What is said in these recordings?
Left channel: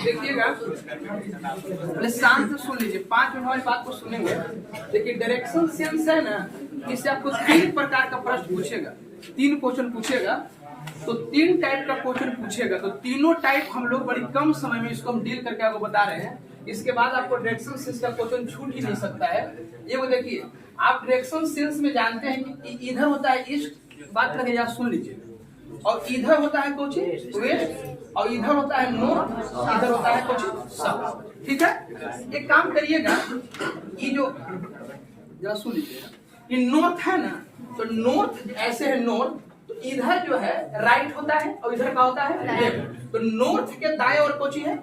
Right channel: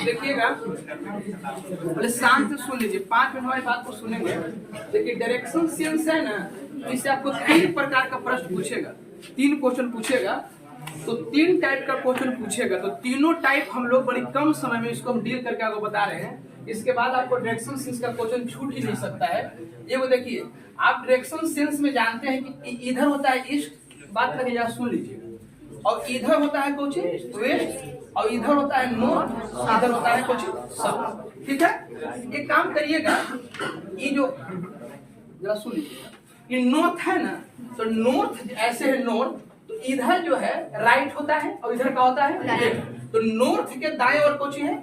देखिएगा, पहले शांत से सुन लीजिए, 5 मिनट हमारी बात को सुनेंगे। देखिए डायरेक्शन सेंस है ना, इससे आपको 3 प्रकार का प्रश्न पूछेगा, 3 क्वेश्चन पूछेगा। तो 3 टाइप का क्वेश्चन पूछेगा, तो तीनों टाइप हम लोग बड़ी कम समय में इसको हम डील करके आपको बता रहे हैं। इसके बाद आपको डायरेक्शन सेंस का क्वेश्चन छूट ही नहीं सकता है। ये वो देखिए, आप डायरेक्शन सेंस में जानते हैं कि इधर होता है ईस्ट, बात करें यहाँ सुन लीजिए, और इधर होता है कुछ वेस्ट, और इधर होता है नॉर्थ, इधर होता है कुछ साउथ। ठीक है, एक काम करिएगा, ये जो जरा सुन लीजिएगा, ये नॉर्थ है ना, तो नॉर्थ ऐसे है नॉर्थ, तो इधर जो है राइट होता है और इधर का होता है लेफ्ट। तो नॉर्थ के दाएं और कोची है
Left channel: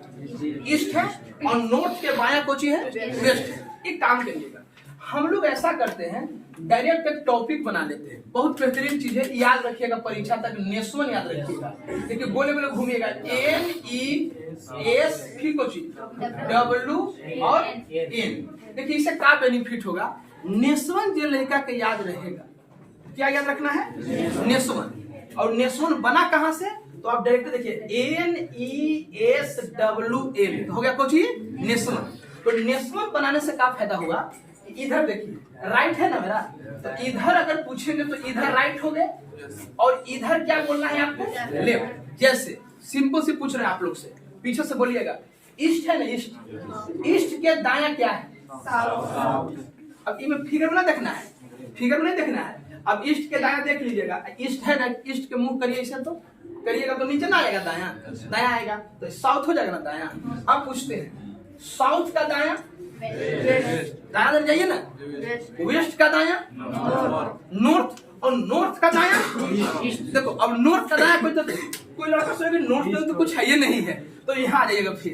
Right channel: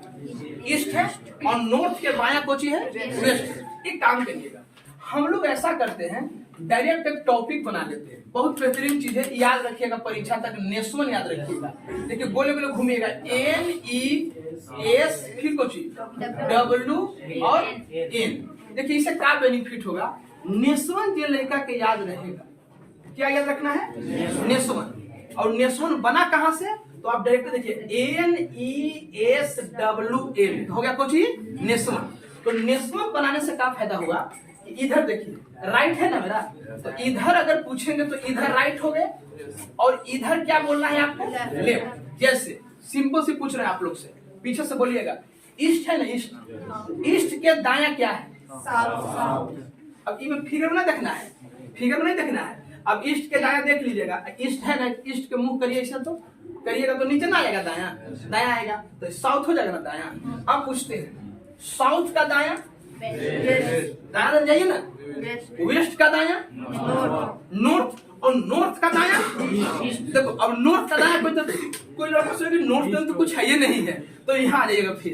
ईस्ट है, और नॉर्थ के बायां कोची है वेस्ट है। एक काम करिएगा, हम लोग ऐसा करते हैं, डायरेक्ट एक टॉपिक बना लेते हैं। बहुत बेहतरीन चीज है, याद रखिएगा, परीक्षा तक नेशनल याद रखिएगा। देखिए गोले गोले घूमिएगा, NES फिर कोची W और N। देखिए इससे क्या बेनिफिट होगा, नेशनल जो लड़का के याद रहेगा, क्या याद रखना है नेशनल। और नेशनल बना कहां से, तो आप डायरेक्ट देखिए NESWN हो गया कुछ नेशनल। तो नेशनल बनाने से क्या फायदा हुआ, इधर देखिए राइट है ना मेरा, तो इधर अगर पूछेंगे तो इधर राइट हो गए, और इधर क्या बोलना है आपको लेफ्ट। जैसे सिंपल से पूछ रहे हैं आप लोग से, पीछे से बोलिएगा, ईस्ट है ना, ईस्ट, ईस्ट के दायां क्या है साउथ। अब इनमें फिगर में ना देखना है, फिगर में नहीं देखना है। अब ईस्ट के दायां देख लीजिएगा, ईस्ट है ना, ईस्ट के मुंह करिए ऐसा, तो करिएगा तो नीचे ना आएगा, दायां दायां आएगा, तो साउथ हो जाएगा ना दायां। अब पूछते हैं साउथ का दायां, दायां जाइए ना, वेस्ट का दायां नॉर्थ, और नॉर्थ का दायां देखो। अब नॉर्थ का दायां कोई लड़का सोचेगा नॉर्थ तो कुछ है ये नहीं है, तो यहाँ आ जाइएगा। फिर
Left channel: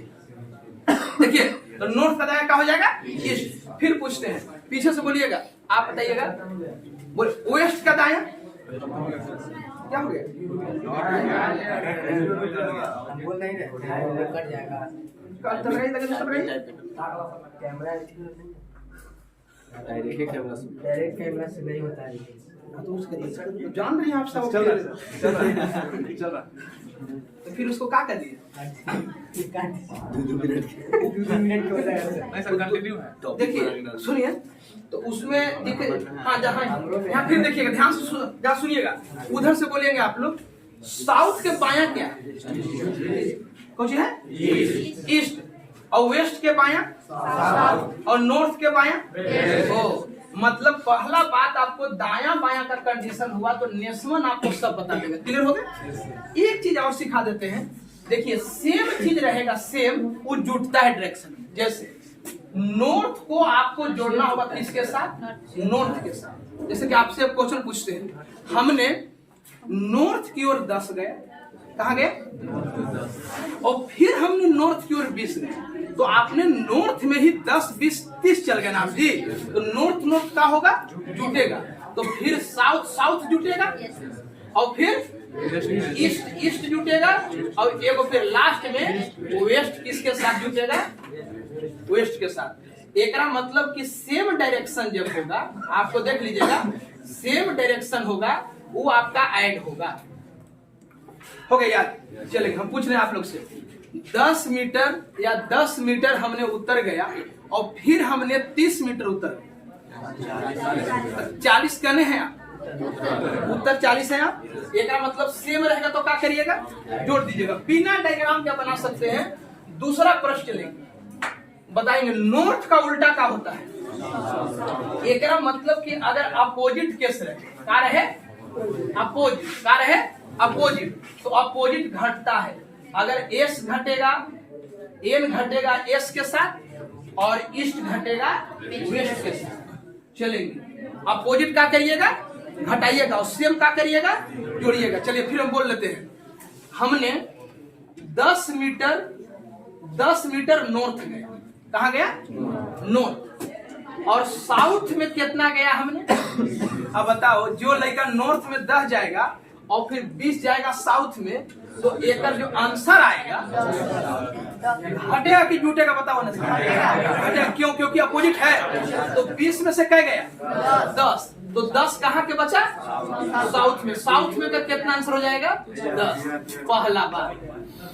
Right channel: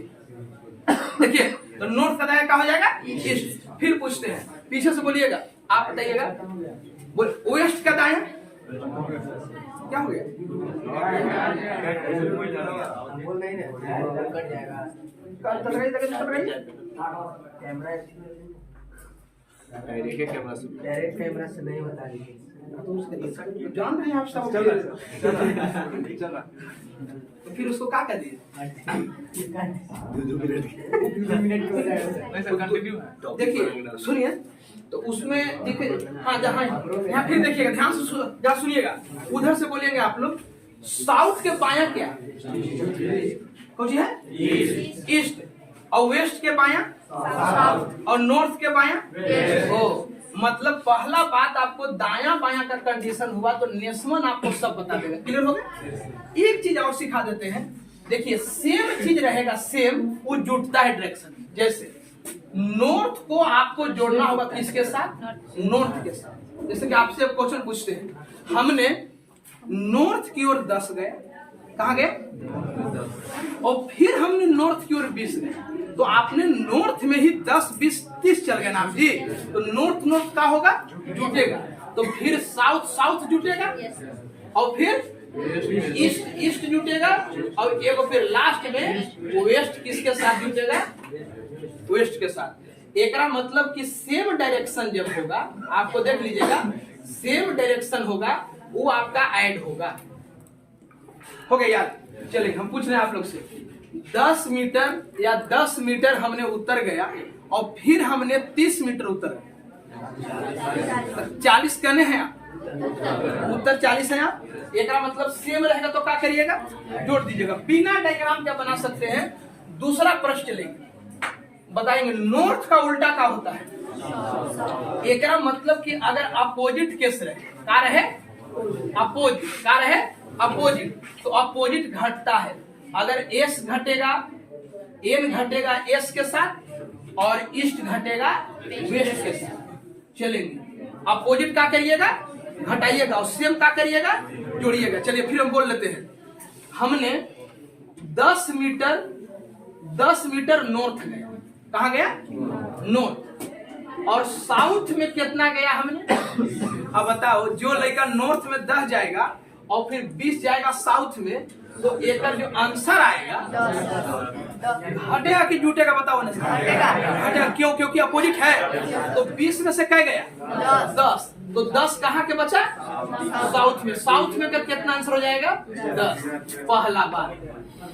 देखिए, तो नॉर्थ का दायां क्या हो जाएगा ईस्ट। फिर पूछते हैं, पीछे से बोलिएगा, आप बताइएगा, बोल वेस्ट का दायां क्या हो गया, बोल नहीं कट जाएगा, डायरेक्ट कैमरा से नहीं बता रही, जान रहे हैं आप सब, चल रहा। तो फिर उसको क्या कर दिए, 2 मिनट देखिए सुनिए, तो उसमें दिखे, हाँ जहाँ यहाँ फिर देखिएगा, ध्यान से जहाँ सुनिएगा, उधर से बोलेंगे आप लोग, साउथ के बायां क्या है, कुछ है ईस्ट, और वेस्ट के बायां साउथ, और नॉर्थ के बायां ओ। मतलब पहला बात आपको दायां बायां का कंडीशन हुआ तो नेशनल आपको सब बता देगा। क्लियर हो गया। एक चीज और सिखा देते हैं, देखिए सेम चीज रहेगा, सेम वो जुटता है डायरेक्शन। जैसे नॉर्थ को आपको जोड़ना होगा किसके साथ, नॉर्थ के साथ। जैसे कि आपसे एक क्वेश्चन पूछते हैं, हमने नॉर्थ की ओर 10 गए, कहाँ गए, और फिर हमने नॉर्थ की ओर 20 गए, तो आपने नॉर्थ में ही 10, 20, 30 चल गए ना जी। तो नॉर्थ नॉर्थ का होगा जुटेगा, तो फिर साउथ साउथ जुटेगा, और फिर ईस्ट ईस्ट जुटेगा, और एक फिर लास्ट में वेस्ट किसके साथ जुटेगा, वेस्ट के साथ। एक मतलब कि सेम डायरेक्शन जब होगा, आपको देख लीजिएगा, सेम डायरेक्शन होगा वो आपका ऐड होगा। हो गया याद। चलेंगे, हम पूछ रहे हैं आप लोग से, 10 मीटर या 10 मीटर हमने उतर गया, और फिर हमने 30 मीटर उतर गया, 40 कहने हैं आप, उत्तर 40 है आप। एक मतलब सेम रहेगा तो क्या करिएगा, जोड़ दीजिएगा। बिना डायग्राम क्या बना सकते हैं, दूसरा प्रश्न चलेंगे, बताएंगे नॉर्थ का उल्टा क्या होता है। एक मतलब कि अगर अपोजिट केस रहे, क्या रहे अपोजिट, क्या रहे अपोजिट, तो अपोजिट घटता है। अगर एस घटेगा, एन घटेगा एस के साथ, और ईस्ट घटेगा वेस्ट के साथ। चलेंगे, अपोजिट क्या करिएगा, घटाइएगा, और सेम क्या करिएगा, जोड़िएगा। चलिए फिर हम बोल लेते हैं, हमने 10 मीटर नॉर्थ गया, कहाँ गया नॉर्थ, और साउथ में कितना गया हमने। अब बताओ, जो लड़का नॉर्थ में 10 जाएगा और फिर 20 जाएगा साउथ में, तो एक जो आंसर आएगा हटेगा कि जुटेगा, बताओ ना, हटेगा। क्यों, क्योंकि अपोजिट है। तो 20 में से क्या गया 10, तो 10 कहाँ के बचा साउथ में। साउथ में का कितना आंसर हो जाएगा? 10। पहला बार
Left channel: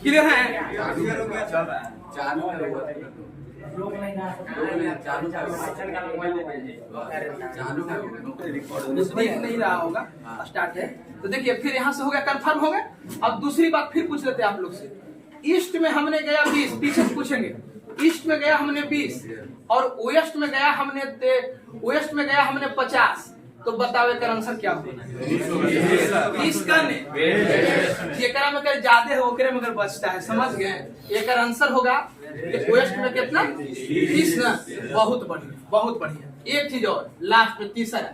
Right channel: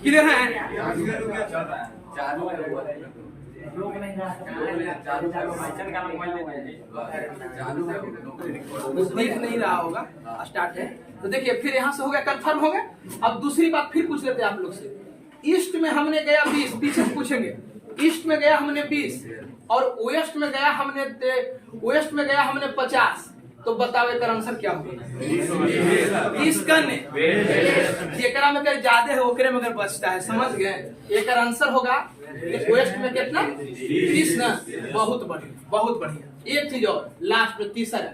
क्लियर है? देख नहीं रहा होगा, स्टार्ट है तो देखिए। फिर यहाँ से हो गया, कंफर्म हो गया। अब दूसरी बात फिर पूछ लेते हैं आप लोग से। ईस्ट में हमने गया 20, पीछे से पूछेंगे। ईस्ट में गया हमने 20 और वेस्ट में गया हमने 50, तो बताओ एक आंसर क्या होगा? 20 करने जेकरा में कर ज्यादा है ओकरे में कर बचता है, समझ गए? एक आंसर होगा वेस्ट में कितना? 20 ना। बहुत बढ़िया, बहुत बढ़िया। एक चीज और लास्ट में, तीसरा,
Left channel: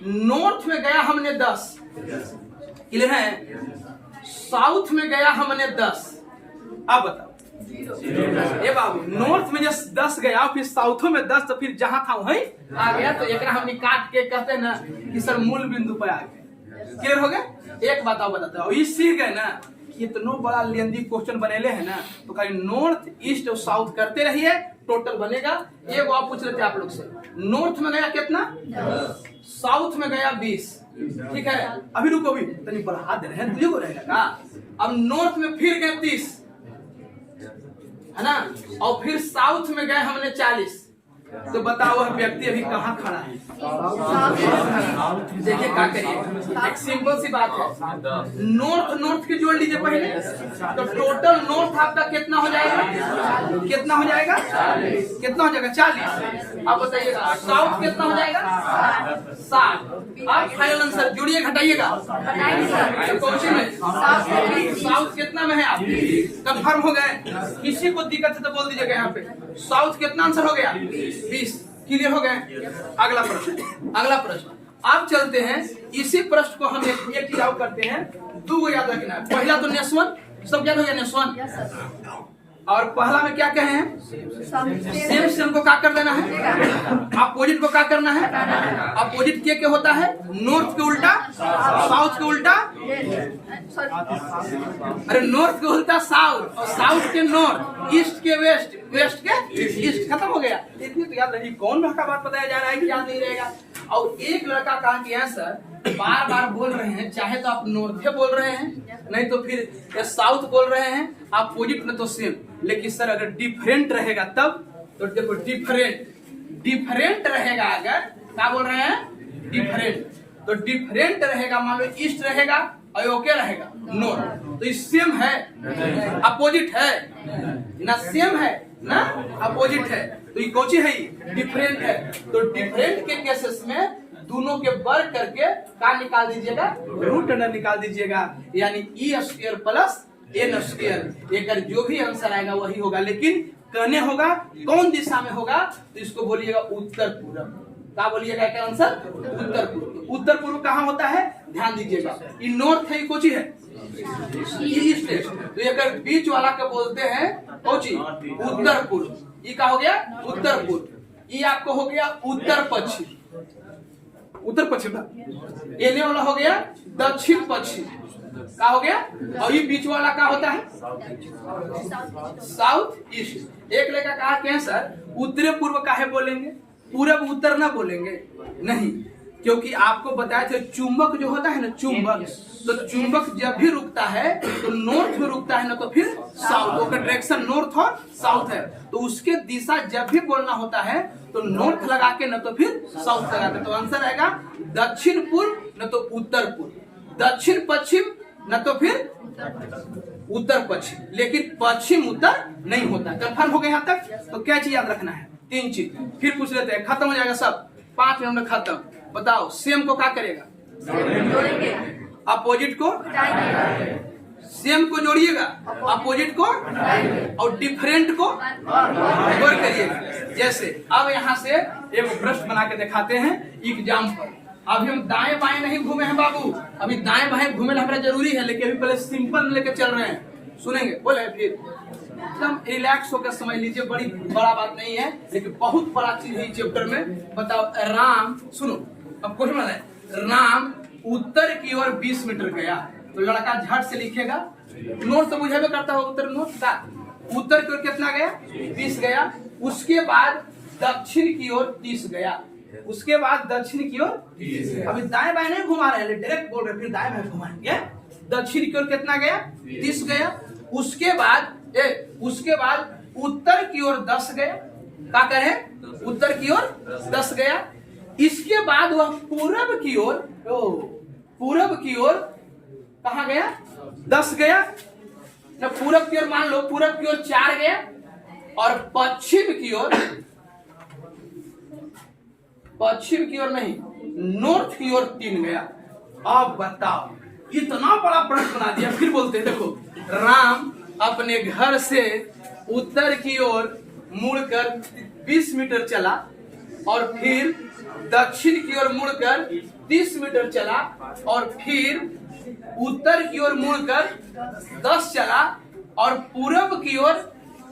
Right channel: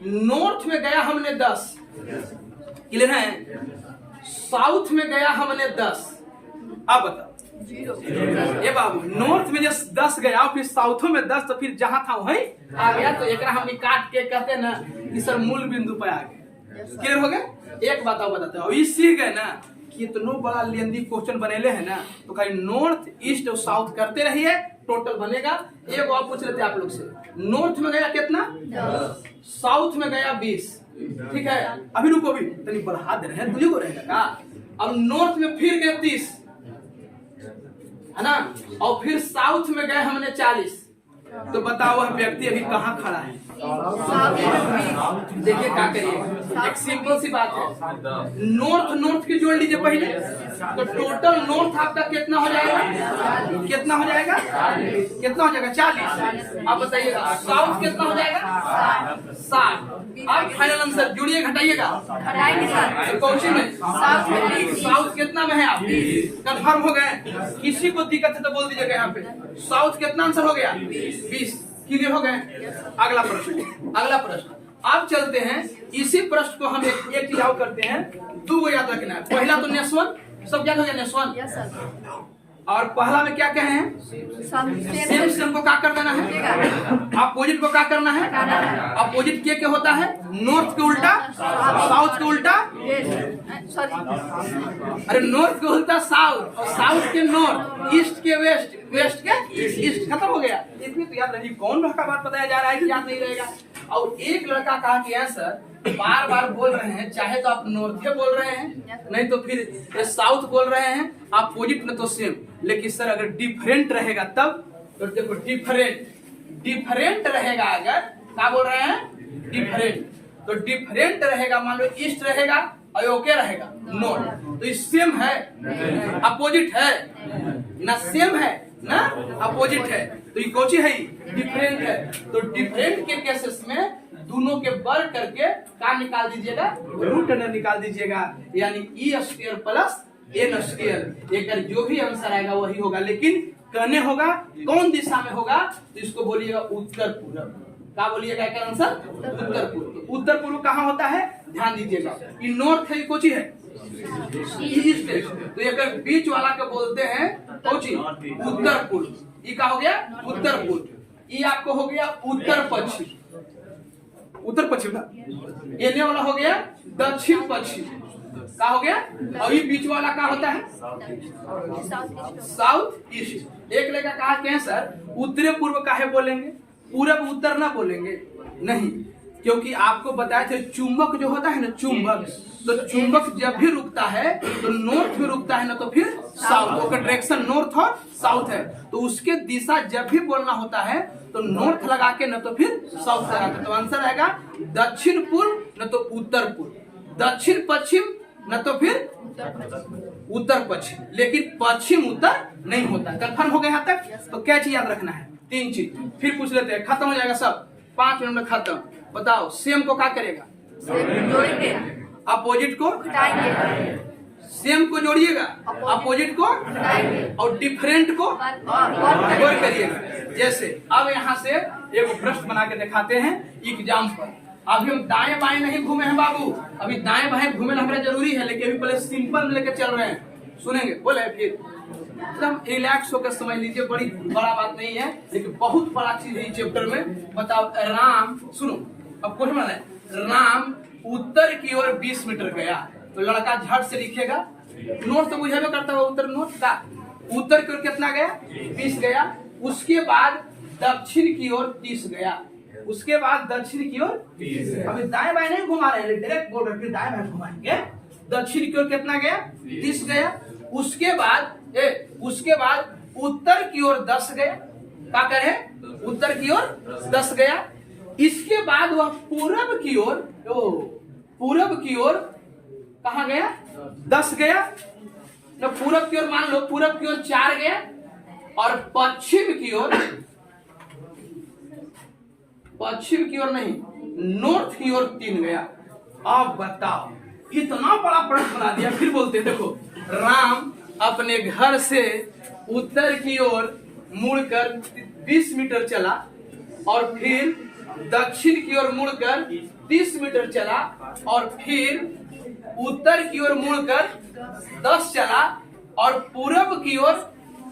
नॉर्थ में गया हमने 10, क्लियर है? साउथ में गया हमने 10। अब बताओ ये बाबू, नॉर्थ में जब 10 गया फिर साउथों में 10, तो फिर जहां था वहीं आ गया। तो एक हमने काट के कहते हैं ना कि सर मूल बिंदु पर आ गए। क्लियर हो गया? एक बात और बताते हैं, ये सीख गए ना कि इतना बड़ा लेंदी क्वेश्चन बनेले है ना, तो खाली नॉर्थ ईस्ट और साउथ करते रहिए, टोटल बनेगा। एक और पूछ लेते हैं आप लोग से। नॉर्थ में गया कितना? साउथ में गया 20, ठीक है? अभी रुको, अभी तनी बढ़ा दे रहे हैं, तुझे को रहेगा का? अब नॉर्थ में फिर गए 30, है ना? और फिर साउथ में गए हमने 40, तो बताओ वह व्यक्ति अभी कहाँ खड़ा है? देखिए क्या करिए, एक सिंपल सी बात है। नॉर्थ की जोड़ लीजिए पहले, तो टोटल नॉर्थ आपका कितना हो जाएगा? कितना हो जाएगा? 40। अब बताइएगा साउथ कितना हो जाएगा? 60। अब फाइनल आंसर जोड़िए, घटाइएगा। तो कौन सी में? साउथ कितना में है? आप कंफर्म हो गए? किसी को दिक्कत है तो बोल दीजिएगा यहाँ पे। साउथ कितना आंसर हो गया? 20। क्लियर हो गए? अगला प्रश्न आप चलते हैं। इसी प्रश्न को हम एक चीज और करते हैं, 2 याद रखना है। पहला तो नेसवन, सब याद हो गया नेसवन। और पहला में क्या कहे हैं? सेम को क्या कर देना है? अपोजिट को क्या करना है? अपोजिट क्या होता है? नॉर्थ के उल्टा साउथ के उल्टा, अरे नॉर्थ के उल्टा साउथ और साउथ के नॉर्थ, ईस्ट के वेस्ट, वेस्ट के ईस्ट। खत्म हो गया। इतनी तो याद रही। कौन भट्टा बात बताया जा रहा है कि याद नहीं रहेगा? और एक लड़का कहा कि सर बार बार बोल रहे हैं, चाहे तो आप नॉर्थ बोल रहे हैं, नहीं तो फिर साउथ बोल रहे हैं, आप अपोजिट में तो सेम। लेकिन सर अगर डिफरेंट रहेगा तब, तो देखो डिफरेंट रहेगा। अगर क्या बोल रहे हैं? डिफरेंट। तो डिफरेंट रहेगा, मान लो ईस्ट रहेगा और ओके रहेगा नॉर्थ, तो ये सेम है अपोजिट है ना? सेम है ना? अपोजिट है। तो ये कौन सी है? डिफरेंट है। तो डिफरेंट के केसेस में दोनों के वर्ग करके क्या निकाल दीजिएगा? रूट अंडर निकाल दीजिएगा, यानी E² प्लस N²। एक जो भी आंसर आएगा वही होगा, लेकिन कहने होगा कौन दिशा में होगा, तो इसको बोलिएगा उत्तर पूर्व। क्या बोलिएगा? क्या आंसर? उत्तर पूर्व। उत्तर पूर्व कहाँ होता है? ध्यान दीजिएगा, ये नॉर्थ है, ये कोची है? ईस्ट है। तो एक बीच वाला के बोलते हैं कोची? उत्तर पूर्व। ये क्या हो गया? उत्तर पूर्व। ये आपको हो गया उत्तर पश्चिम। उत्तर पश्चिम था। ये वाला हो गया दक्षिण पश्चिम। क्या हो गया? और ये बीच वाला क्या होता है? South east. एक लड़का कहा कि सर उत्तरी पूर्व काहे बोलेंगे, पूरब उत्तर ना बोलेंगे? नहीं, क्योंकि आपको बताए थे चुंबक जो होता है ना, चुंबक, तो चुंबक जब भी रुकता है तो नॉर्थ में रुकता है ना, तो फिर साउथ का डायरेक्शन नॉर्थ और साउथ है, तो उसके दिशा जब भी बोलना होता है तो नॉर्थ लगा के न तो फिर साउथ लगा के। तो आंसर रहेगा दक्षिण पूर्व न तो उत्तर पूर्व, दक्षिण पश्चिम न तो फिर उत्तर पश्चिम, लेकिन पश्चिम उत्तर नहीं होता। कंफर्म हो गया यहाँ तक? तो क्या चीज याद रखना है? 3 चीज। फिर पूछ लेते हैं, खत्म हो जाएगा सब, 5 मिनट में खत्म। बताओ सेम को क्या करेगा? अपोजिट को सेम को जोड़िएगा, अपोजिट को और डिफरेंट को जोड़ करिएगा। जैसे अब यहाँ से एक प्रश्न बना के दिखाते हैं एग्जाम पर। अभी हम दाएं बाएं नहीं घूमे हैं बाबू, अभी दाएं बाएं घूमे हमारा जरूरी है, लेकिन अभी पहले सिंपल लेके चल रहे हैं। सुनेंगे? बोले फिर एकदम रिलैक्स होकर समझ लीजिए, बड़ी बड़ा बात नहीं है, लेकिन बहुत बड़ा चीज है चैप्टर में। बताओ राम, सुनो अब क्वेश्चन है, राम उत्तर की ओर 20 मीटर गया, तो लड़का झट से लिखेगा, नॉर्थ तो बुझे करता हो, उत्तर नॉर्थ का, उत्तर की ओर कितना गया? 20 गया। उसके बाद दक्षिण की ओर 30 गया। उसके बाद दक्षिण की ओर, अभी दाएं बाएं नहीं घुमा रहे हैं, डायरेक्ट बोल रहे, फिर दाएं बाएं घुमाएंगे। दक्षिण की ओर कितना गया? 30 गया। उसके बाद उत्तर की ओर 10 गया। क्या करे? उत्तर की ओर 10 गया। इसके बाद वह पूरब की ओर कहा गया? 10 गया। न पूरब की ओर मान लो, पूरब की ओर 4 गया और पश्चिम की ओर नहीं, नॉर्थ की ओर 3 गया। अब बताओ, इतना बड़ा प्रश्न बना दिया। फिर बोलते हैं, देखो, राम अपने घर से उत्तर की ओर मुड़कर 20 मीटर चला और फिर दक्षिण की ओर मुड़कर 30 मीटर चला और फिर उत्तर की ओर मुड़कर 10 चला और पूरब की ओर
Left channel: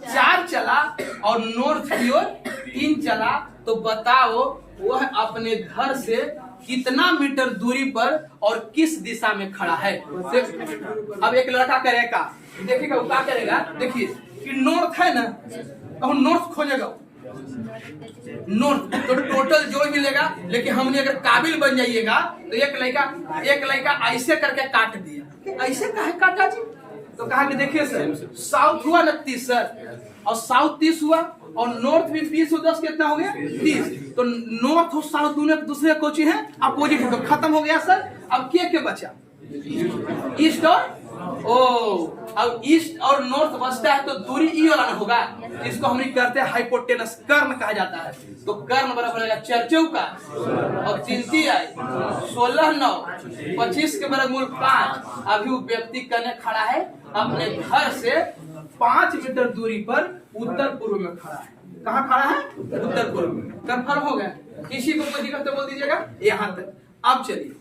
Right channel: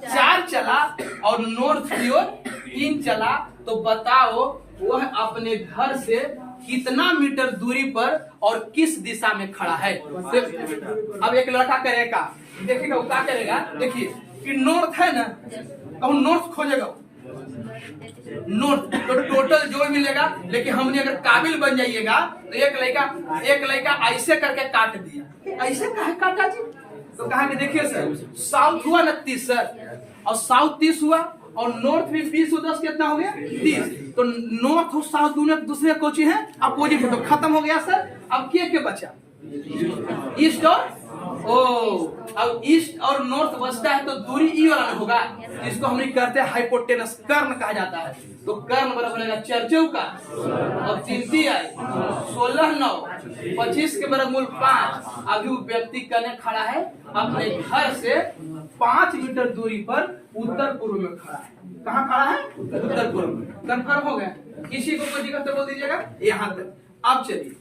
4 चला और नॉर्थ की ओर 3 चला। तो बताओ वह अपने घर से कितना मीटर दूरी पर और किस दिशा में खड़ा है? अब एक लड़का करेगा, देखिएगा वो क्या करेगा। देखिए कि नॉर्थ है ना, तो नॉर्थ खोजेगा, नॉर्थ तो टोटल जो मिलेगा। लेकिन हमने अगर काबिल बन जाइएगा तो एक लड़का ऐसे करके काट दिया। ऐसे काहे काटा जी? तो कहा कि देखिए सर, साउथ हुआ ना 30 सर, और साउथ 30 हुआ और नॉर्थ भी 20 10 कितना हो गया? 30। तो नॉर्थ और साउथ दोनों एक दूसरे कोची है, अपोजिट है, तो खत्म हो गया सर। अब क्या बचा? ईस्ट और अब ईस्ट और नॉर्थ बचता है, तो दूरी ई वाला ना होगा। इसको हम करते हैं हाइपोटेनस, कर्ण कहा जाता है। तो कर्ण बराबर होगा 4 चौका और 3 तिहाई 16 9 25 के वर्गमूल 5। अभी वो व्यक्ति करने खड़ा है अपने घर से 5 मीटर दूरी पर उत्तर पूर्व में खड़ा है। कहाँ खड़ा है? उत्तर पूर्व में। कंफर्म हो गया? किसी को कोई दिक्कत बोल दीजिएगा यहाँ तक। अब चलिए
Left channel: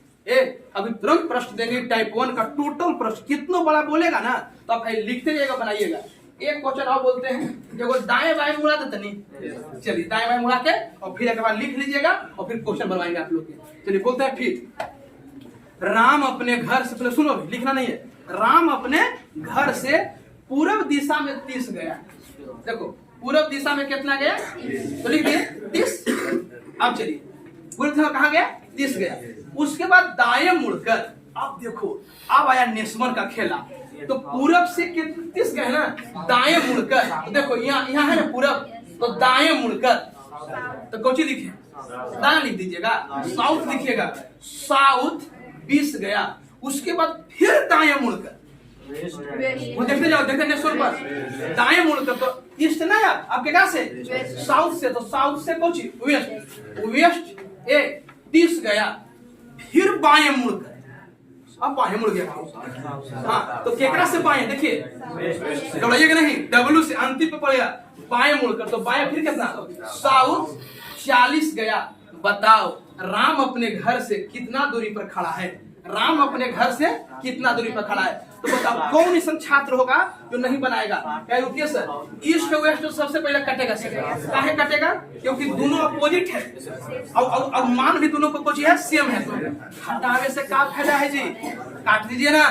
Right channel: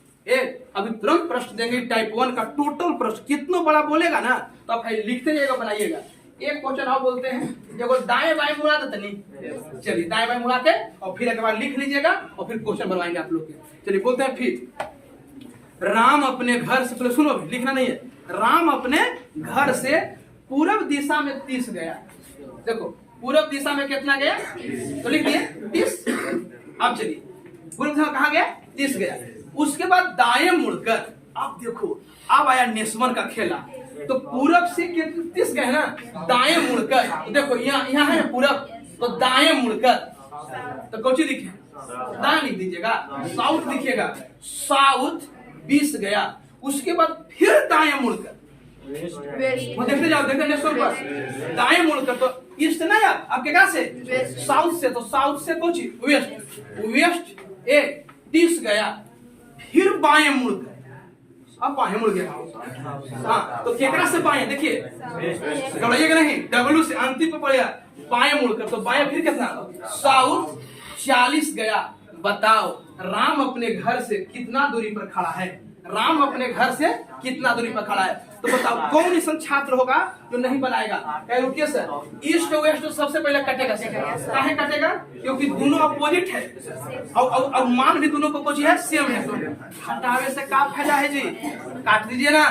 अभी तुरंत प्रश्न देंगे टाइप 1 का टोटल प्रश्न। कितना बड़ा बोलेगा ना तो आप लिखते जाइएगा, बनाइएगा। एक क्वेश्चन और बोलते हैं, देखो दाएं बाएं मुड़ा देते नहीं। चलिए दाएं बाएं मुड़ा के और फिर एक बार लिख लीजिएगा और फिर क्वेश्चन बनवाएंगे आप लोग के। चलिए बोलते हैं, फिर राम अपने घर से, पहले सुनो, लिखना नहीं है। राम अपने घर से पूरब दिशा में 30 गया। देखो पूरब दिशा में कितना गया? तो लिख दिए 30। अब चलिए पूरब दिशा कहाँ गया? 30 गया। उसके बाद दाएं मुड़कर, अब देखो अब आया निस्वन का खेला। तो पूरब से 30 गए ना, दाएं मुड़कर, तो देखो यहाँ है ना पूरब, तो दाएं मुड़कर, तो कौन सी लिखे? दाएं लिख दीजिएगा। साउथ लिखिएगा, साउथ 20 गया। उसके बाद फिर दाएं मुड़कर, वो देखते जाओ, देखते नेशनल पर दाएं मुड़कर, तो ईस्ट ना यार आपके कहा से? साउथ से, तो साउथ से कौन सी? वेस्ट 30 गया। फिर बाएं मुड़कर, अब बाएं मुड़ गया। हाँ, तो केकरा से बाएं? देखिए दौड़ाइएगा नहीं, डब्ल्यू से अंतिम पे पड़ेगा। बाएं मुड़कर, तो बाएं फिर कितना? साउथ 40 गया। बताओ राम अपने घर से कितना दूरी पर खड़ा है? राम अपने घर से कितना दूरी पर खड़ा है? तो बताओ कौन ऐसा छात्र होगा जो नहीं बनाएगा? रुकिए सर, ईस्ट वेस्ट सबसे पहले कटेगा। काहे कटेगा? क्योंकि दोनों अपोजिट है और मान भी दोनों को कुछ है, सेम है। तो हटावे से क्या फायदा है जी? काट दीजिए ना।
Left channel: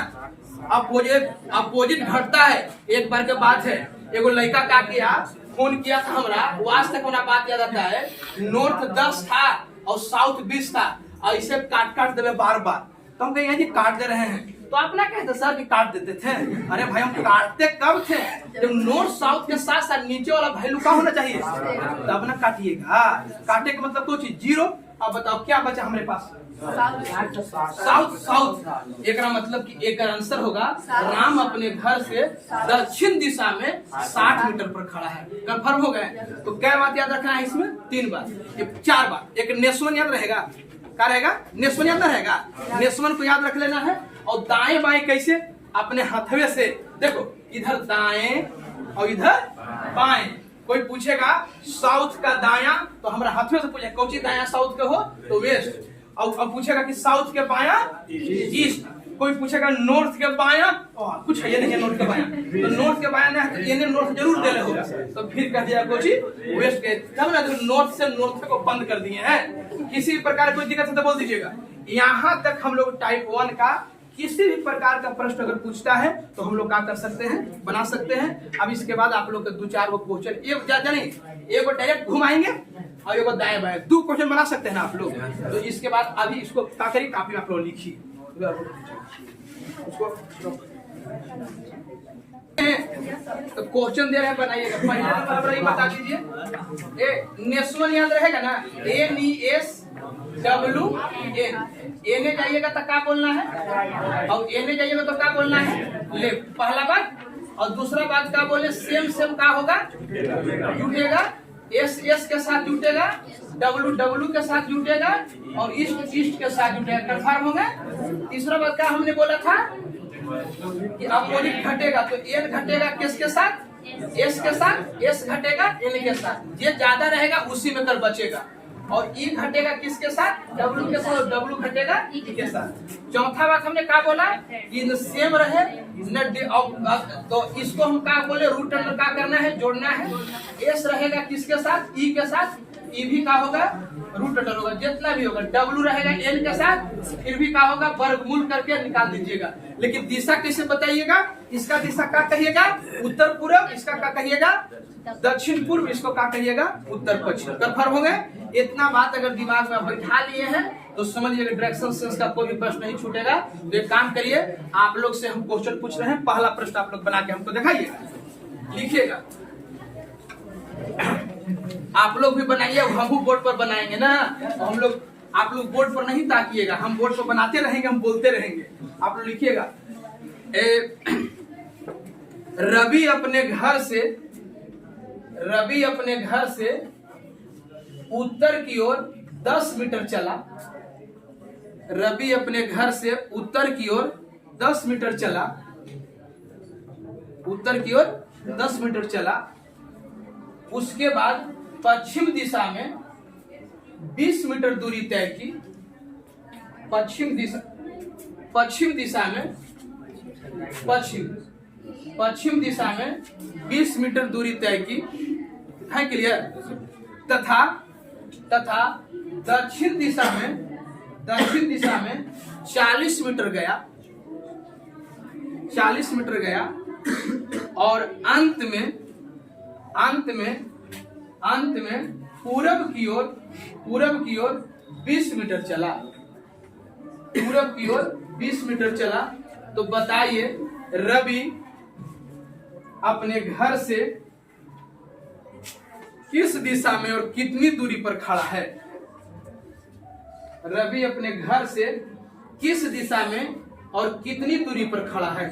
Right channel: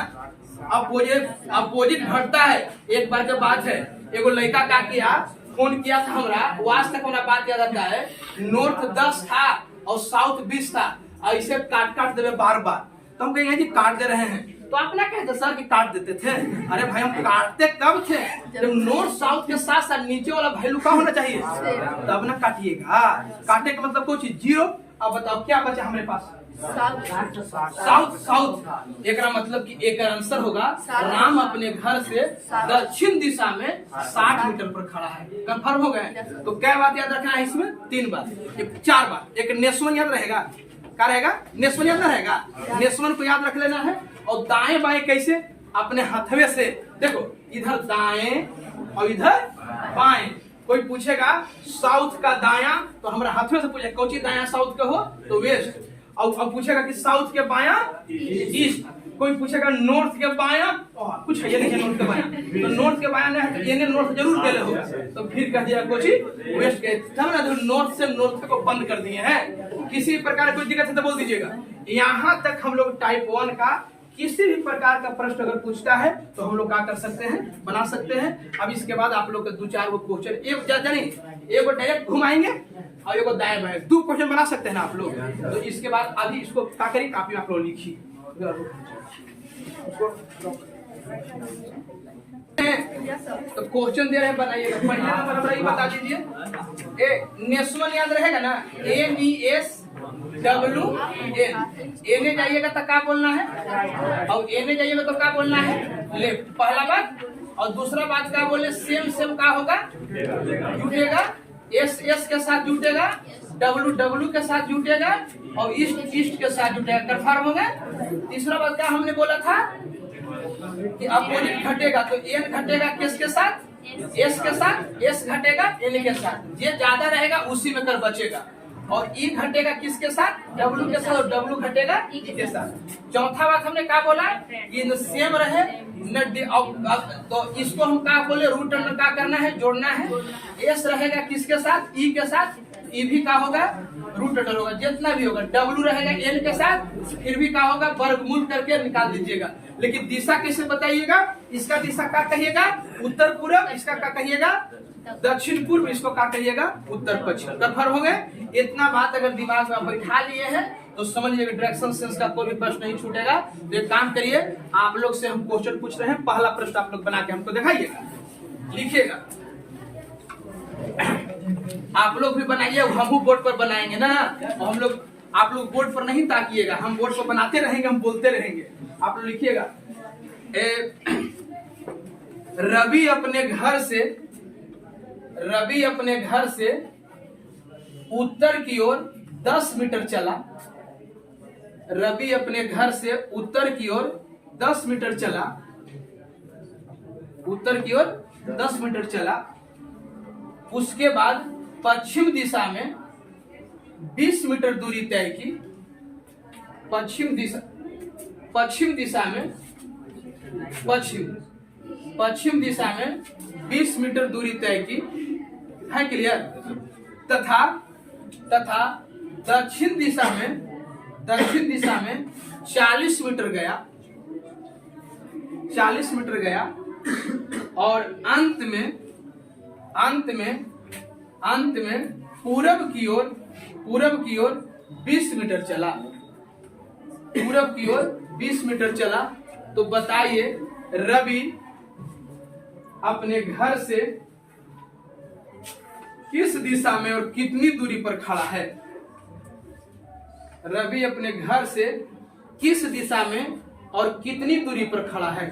अपोजिट घटता है। एक बार के बात है, एगो लड़का का किया, फोन किया था हमरा, आज तक हमारा बात याद आता है। नॉर्थ 10 था और साउथ 20 था, ऐसे काट देवे बार बार। तो हम कहेंगे जी काट दे रहे हैं, तो आप ना कहते सर कि काट देते थे। अरे भाई हम काटते कब थे? जब नॉर्थ साउथ के साथ साथ नीचे वाला वैल्यू का होना चाहिए, तब ना काटिएगा। काटे का मतलब कोई चीज 0। अब बताओ क्या बचा हमारे पास? साउथ। एक मतलब कि एक आंसर होगा राम अपने घर से दक्षिण दिशा में 60 मीटर पर खड़ा है। कंफर्म हो गए? तो क्या बात याद रखना है इसमें? 3 बात, 4 बात। एक नेस्वन याद रहेगा, क्या रहेगा? नेस्वन याद ना रहेगा, नेस्वन को याद रख लेना है। और दाएं बाएं कैसे? अपने हथवे से। देखो इधर दाएं और इधर बाएं। कोई पूछेगा साउथ का दाया, तो हमारे हथवे से पूछे कौन सी दाया साउथ का हो तो वेस्ट। और पूछेगा कि साउथ के बाया ईस्ट। कोई पूछेगा नॉर्थ के बाया, कुछ है ये नहीं है नॉर्थ के बाया, तो नॉर्थ के बाया नहीं है, तो ये नॉर्थ जरूर दे होगा। तो फिर कह दिया कोची वेस्ट के, तब ना नॉर्थ से नॉर्थ को बंद कर दिए हैं। किसी प्रकार कोई दिक्कत है तो बोल दीजिएगा। यहाँ तक हम लोग टाइप 1 का किसी भी प्रकार का प्रश्न अगर पूछता है तो हम लोग क्या कर सकते हैं? बना सकते हैं। अब इसके बाद आप लोग के 2-4 क्वेश्चन, एक डायरेक्ट घुमाएंगे, और एगो दाएं बाएं, 2 क्वेश्चन बना सकते हैं ना आप लोग। तो इसके बाद अभी इसको क्या करिए, कॉपी में आप लोग लिखिए उसको। तो क्वेश्चन दे रहे हैं, बनाइएगा। पहले नंबर हमारा ये बता दीजिए, नेशनल याद रहेगा ना, NESWN। एने जाइएगा तो क्या बोलना है, और एने जाइएगा तो क्या बोलना है, लेफ्ट, पहला बात। और दूसरा बात क्या बोले, सेम क्या होगा, जुटेगा, S के साथ जुटेगा, W के साथ जुटेगा, और ईस्ट के साथ जुटेगा। कंफर्म हो गया। तीसरा बात क्या हमने बोला था कि अपोजिट घटेगा, तो N घटेगा किसके साथ, S के साथ, S घटेगा N के साथ, ये ज्यादा रहेगा उसी में कर बचेगा। और E घटेगा किसके साथ, W के साथ, और W घटेगा E के साथ। चौथा बात हमने क्या बोला, ये न सेम रहे न, तो इसको हम क्या बोले, रूट अंडर क्या करना है, जोड़ना है। S रहेगा किसके साथ, E के साथ, E भी क्या होगा, रूट अंडर होगा, जितना भी होगा। W रहेगा N के साथ, फिर भी क्या होगा, वर्गमूल करके निकाल दीजिएगा। लेकिन दिशा कैसे बताइएगा, इसका दिशा क्या कहिएगा, उत्तर पूर्व, इसका क्या कहिएगा, दक्षिण पूर्व, इसको क्या कहिएगा, उत्तर पश्चिम। कंफर्म हो गए। इतना बात अगर दिमाग में बैठा लिए हैं तो समझ लीजिए डायरेक्शन सेंस का कोई भी प्रश्न नहीं छूटेगा। तो एक काम करिए, आप लोग से हम क्वेश्चन पूछ रहे हैं, पहला प्रश्न आप लोग बना के हमको दिखाइएगा, लिखिएगा। आप लोग भी बनाइए, हम बोर्ड पर बनाएंगे ना, हम लोग, आप लोग बोर्ड पर नहीं ताकिएगा, हम बोर्ड पर बनाते रहेंगे, हम बोलते रहेंगे। आप लोग लिखिएगा, रवि अपने घर से उत्तर की ओर 10 मीटर चला। रवि अपने घर से उत्तर की ओर 10 मीटर चला, उत्तर की ओर 10 मीटर चला। उसके बाद पश्चिम दिशा में 20 मीटर दूरी तय की। पश्चिम दिशा में 20 मीटर दूरी तय की है, क्लियर। तथा दक्षिण दिशा में 40 मीटर गया, और अंत में पूरब की ओर 20 मीटर चला। पूरब की ओर 20 मीटर चला। तो बताइए रवि अपने घर से किस दिशा में और कितनी दूरी पर खड़ा है। रवि अपने घर से किस दिशा में और कितनी दूरी पर खड़ा है,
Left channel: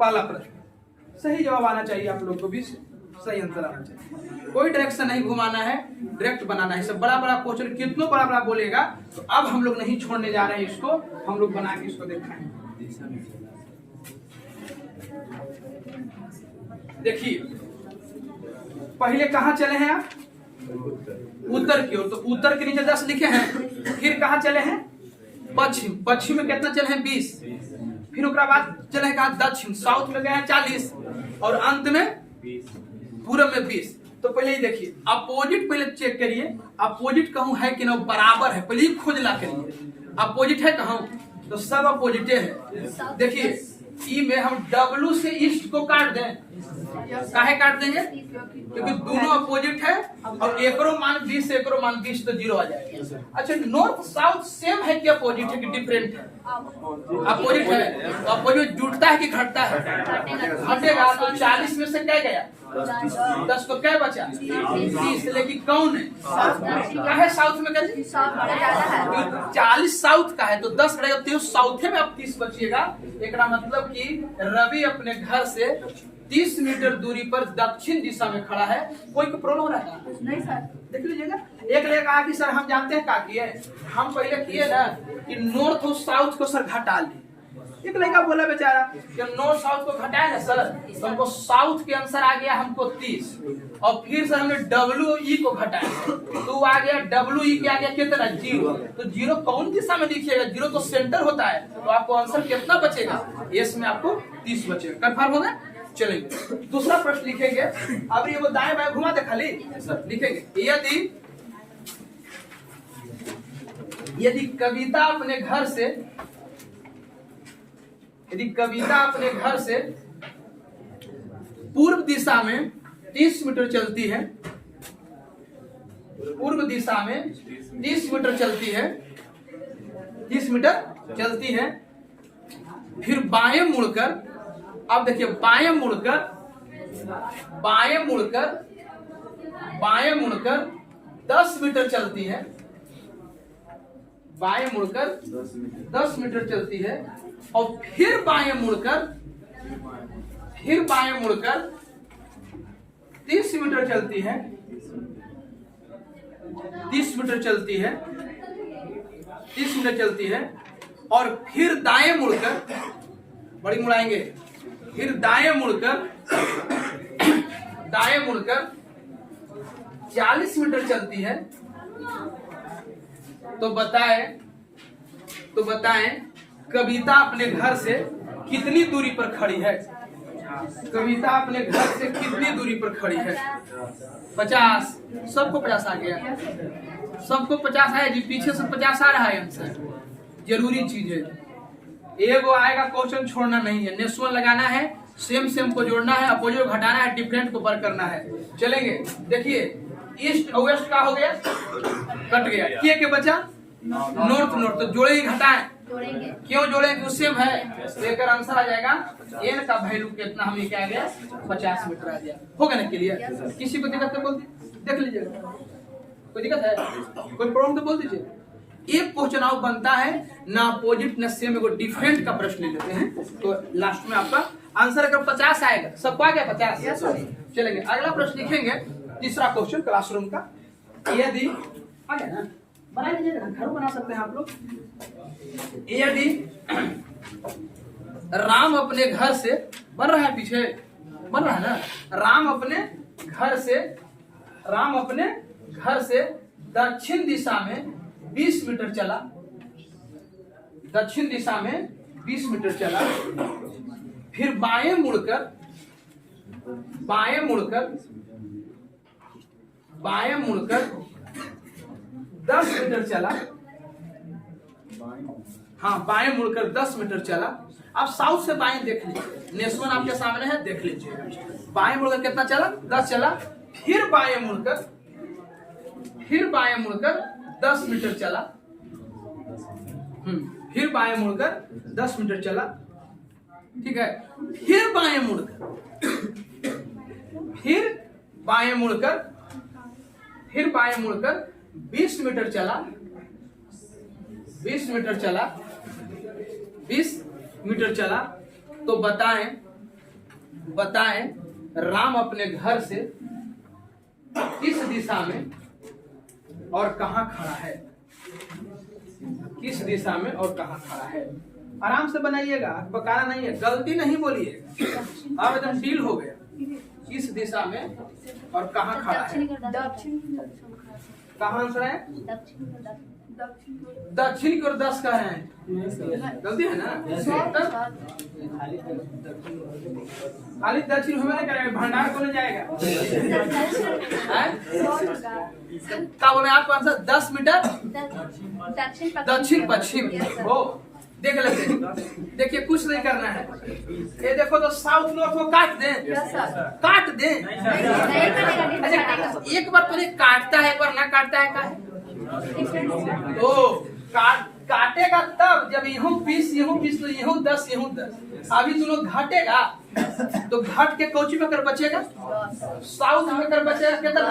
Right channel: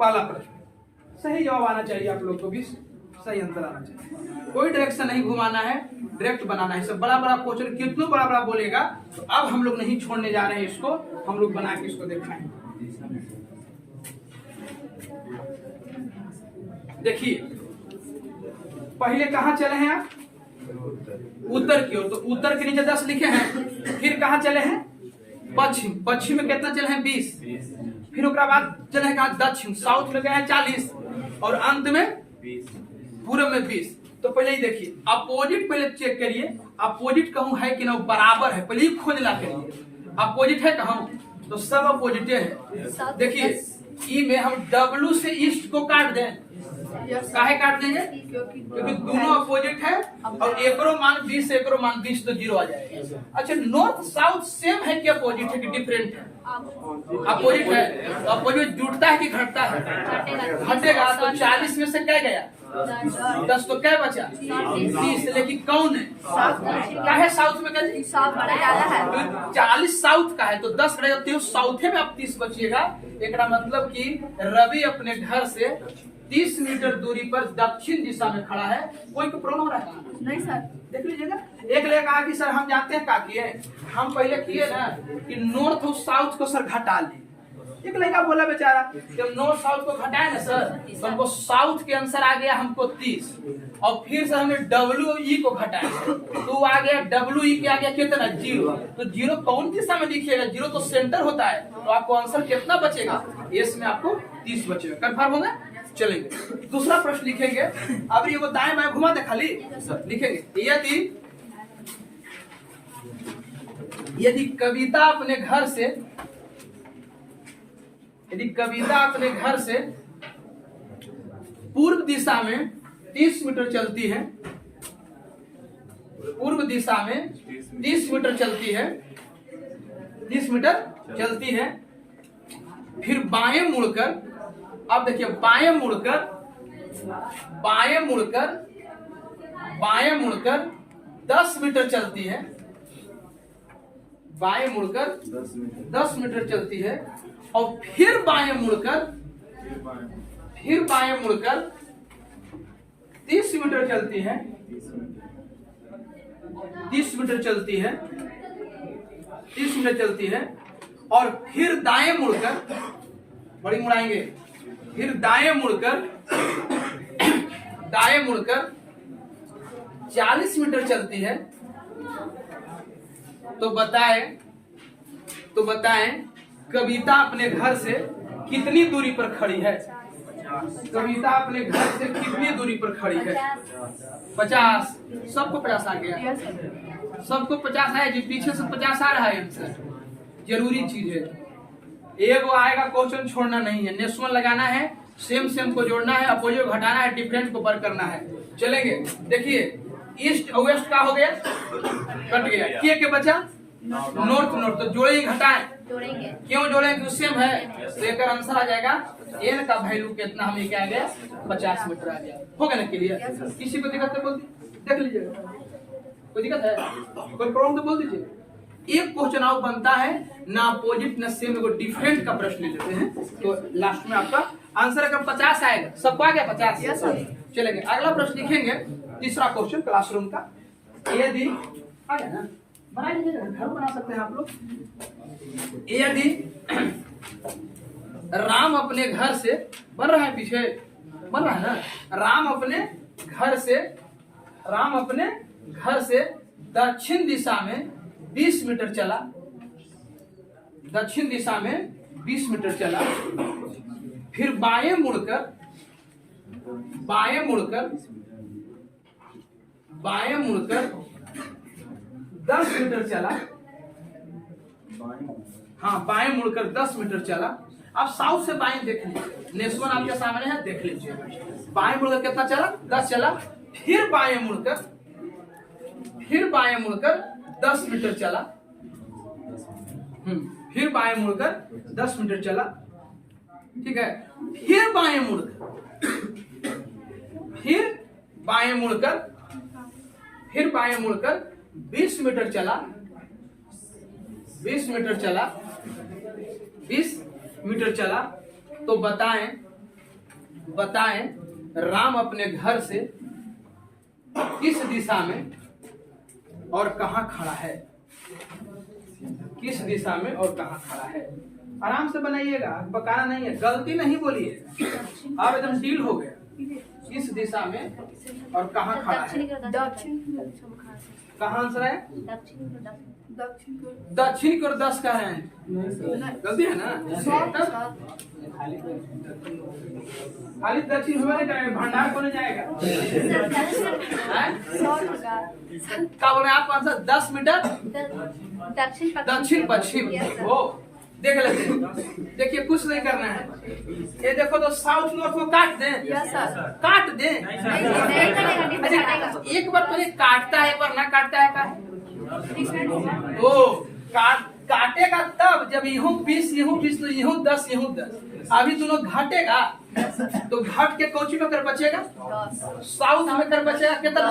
पहला प्रश्न। सही जवाब आना चाहिए आप लोग को भी, सही आंसर आना चाहिए, कोई डायरेक्शन नहीं घुमाना है, डायरेक्ट बनाना है। सब बड़ा क्वेश्चन कितना बड़ा बोलेगा, तो अब हम लोग नहीं छोड़ने जा रहे हैं इसको, हम लोग बना के इसको दिखाएंगे। देखिए पहले कहाँ चले हैं आप, उत्तर की ओर, तो उत्तर के नीचे 10 लिखे हैं। फिर कहाँ चले हैं, पश्चिम में कितना चले हैं, 20। फिर उसके बाद चले हैं कहाँ, दक्षिण, साउथ में गए हैं 40, और अंत में पूरब में 20। तो पहले ही देखिए अपोजिट, पहले चेक करिए अपोजिट कहूँ है कि ना, बराबर है, पहले ही खोजना करिए अपोजिट है कहूँ, तो सब अपोजिट है। देखिए ई में हम W से ईस्ट को काट दें, काहे काट देंगे, क्योंकि दोनों अपोजिट है, और एकरो मान 20 एकरो मान 20, तो 0 आ जाएगा। अच्छा नॉर्थ साउथ सेम है कि अपोजिट है कि डिफरेंट है, अपोजिट है, तो अपोजिट जुड़ता है कि घटता है, घटेगा। तो 40 में से क्या गया, 10, तो क्या बचा, 20। लेकिन कौन है, क्या है साउथ में, 40 साउथ का है, तो 10 रहेगा, तो साउथ में अब 30 बचिएगा। एक मतलब कि रवि अपने घर से 30 मीटर दूरी पर दक्षिण दिशा में खड़ा है। कोई प्रॉब्लम रहा है नहीं सर, देख लीजिएगा। एक ले कहा कि सर हम जानते हैं क्या किए, हम पहले किए ना कि नॉर्थ और साउथ को सर घटा ली। एक लड़का बोला बेचारा कि हम नॉर्थ साउथ को घटाए ना सर, तो हमको साउथ के आंसर आ गया हमको 30, और फिर से हमने WE को घटाया, तो आ गया WE के आ गया कितना, 0। तो 0 कौन दिशा में दिखेगा, 0 तो सेंटर होता है, तो आपको आंसर कितना बचेगा, इसमें आपको 30 बचेगा। कंफर्म होगा। चलेंगे दूसरा प्रश्न लिखेंगे। अब ये वो दाएं बाएं घुमा दे खाली सर, लिखेंगे यदि कविता अपने घर से पूर्व दिशा में 30 मीटर चलती है, पूर्व दिशा में 30 मीटर चलती है, 30 मीटर चलती है। फिर बाएं मुड़कर, अब देखिए बाएं मुड़कर 10 मीटर चलती है, बाएं मुड़कर 10 मीटर चलती है। और फिर बाएं मुड़कर 30 मीटर चलती है, 30 मीटर चलती है, 30 मीटर चलती है। और फिर दाएं मुड़कर, बड़ी मुड़ाएंगे, फिर दाएं मुड़कर 40 मीटर चलती है। तो बताएं कविता अपने घर से कितनी दूरी पर खड़ी है? कविता अपने घर से कितनी दूरी पर खड़ी है? 50। सबको 50 आ गया, सबको 50 आया जी, पीछे से 50 आ रहा है आंसर। जरूरी चीज है, एगो आएगा क्वेश्चन छोड़ना नहीं है, नेशनल लगाना है, सेम को जोड़ना है, अपोजिट घटाना है, डिफरेंट को वर्क करना है। चलेंगे, देखिए ईस्ट और वेस्ट का हो गया, कट गया, के बचा नॉर्थ। तो जोड़े ही घटाएं, क्यों जोड़े? क्यों सेम है, तो एक आंसर आ जाएगा एन का वैल्यू कितना, हमें क्या आ गया 50 मीटर आ गया। होगा ना क्लियर? किसी को दिक्कत है बोल देख लीजिएगा, कोई दिक्कत है, कोई प्रॉब्लम तो बोल दीजिए। एक क्वेश्चन आउट बनता है ना अपोजिट ना सेम, एगो डिफरेंट का प्रश्न ले लेते हैं, तो लास्ट में आपका आंसर अगर 50 आएगा, सबको आ गया 50। चलेंगे अगला प्रश्न लिखेंगे, तीसरा क्वेश्चन क्लासरूम का। यदि आ गया ना, बना लीजिएगा, घर बना सकते हैं आप लोग। यदि राम अपने घर से, बन रहा है पीछे, बन रहा है ना, राम अपने घर से दक्षिण दिशा में 20 मीटर चला, दक्षिण दिशा में 20 मीटर चला। फिर बाएं मुड़कर 10 मीटर चला। हाँ, बाएं मुड़कर 10 मीटर चला। अब साउथ से बाएं देख लीजिए, नेशनल आपके सामने है, देख लीजिए। बाएं मुड़कर कितना चला? 10 चला। फिर बाएं मुड़कर 10 मीटर चला। फिर बाएं मुड़कर 10 मीटर चला, ठीक है। फिर बाएं मुड़कर 20 मीटर चला, 20 मीटर चला। तो बताएं राम अपने घर से किस दिशा में और कहां खड़ा है? किस दिशा में और कहां खड़ा है? आराम से बनाइएगा, बकाना नहीं है, गलती नहीं बोलिए, आप एकदम डील हो गया। किस दिशा में और कहां खड़ा है? कहां आंसर है? दक्षिण की ओर 10 का है, गलती है ना। खाली दक्षिण हुआ नहीं करेगा, भंडार को नहीं जाएगा। क्या बोले आपको आंसर? 10 मीटर दक्षिण पश्चिम। वो देख लेते, देखिए कुछ नहीं करना है। ये देखो तो साउथ नॉर्थ को काट दें। एक बार पहले काटता है, एक बार ना काटता है का? ओ काटेगा तब जब यूं 20 तो यूं 10 अभी दोनों घटेगा, तो घट के कोची में कर बचेगा, साउथ में कर बचेगा कितना?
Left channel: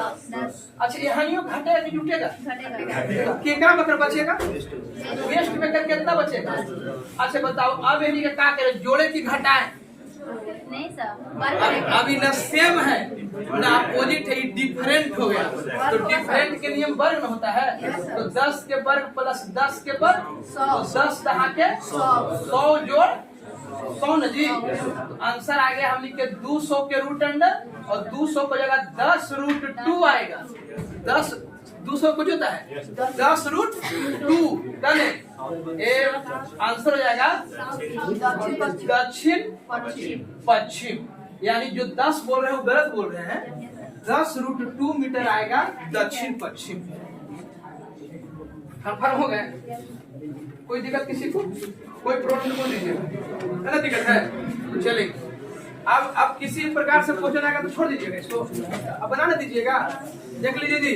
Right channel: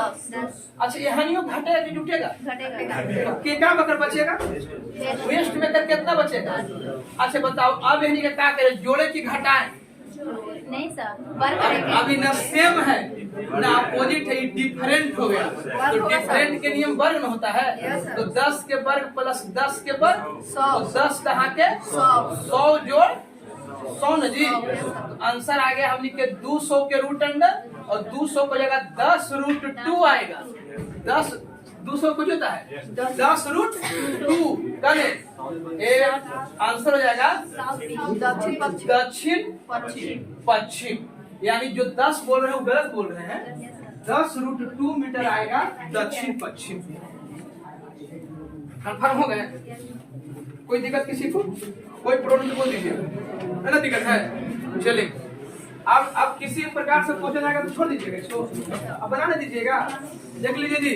अच्छा, यहाँ घटेगा कि जुटेगा? तो केका में कर बचेगा, वेस्ट में कर कितना बचेगा? अच्छा बताओ, अब इन्हीं का क्या करे, जोड़े की घटाए? नहीं सर, अभी न सेम है ना अपोजिट है, डिफरेंट हो गया। तो डिफरेंट के नियम वर्ग में होता है, तो 10 के वर्ग प्लस 10 के वर्ग, तो 10 कहाँ के 100 जोड़ 100 न जी। तो आंसर आ गया हमने के 200 के रूट अंडर, और 200 को जगह 10√2 आएगा। 200 कुछ होता है 10√2 कल आंसर हो जाएगा दक्षिण पश्चिम। यानी जो 10 बोल रहे हैं वो गलत बोल रहे हैं, 10√2 मीटर आएगा दक्षिण पश्चिम। कंफर्म हो गए? कोई दिक्कत किसी को? कोई प्रॉब्लम बोल दीजिए, है ना? दिक्कत है? चलिए अब किसी प्रकार से क्वेश्चन आएगा तो छोड़ दीजिएगा, इसको अब बनाने दीजिएगा। देख लीजिए जी,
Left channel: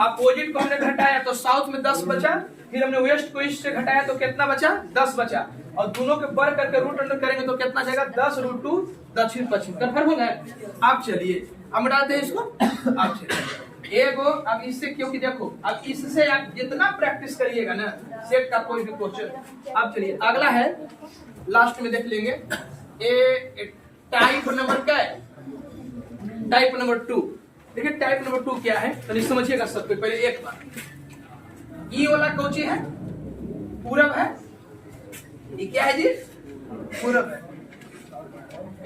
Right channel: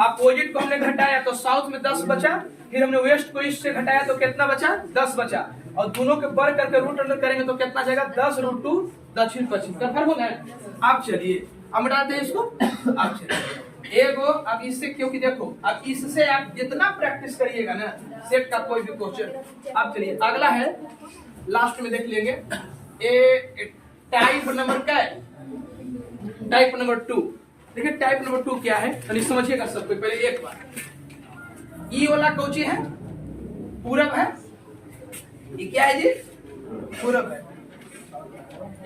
अपोजिट को हमने घटाया तो साउथ में 10 बचा, फिर हमने वेस्ट को ईस्ट से घटाया तो कितना बचा? 10 बचा, और दोनों के बर करके रूट अंडर करेंगे तो कितना जाएगा? 10√2 दक्षिण पश्चिम। कंफर्म हो गया? अब चलिए अब मिटाते हैं इसको। अब चलिए एगो, अब इससे, क्योंकि देखो अब इससे आप जितना प्रैक्टिस करिएगा ना सेट का कोई भी क्वेश्चन। अब चलिए अगला है, लास्ट में देख लेंगे। टाइप नंबर क्या है? Type number 2। देखिए टाइप नंबर 2 क्या है तो समझिएगा सबको पहले एक बार। ई वाला कौची है? पूरब है। ये क्या है जी? पूरब है।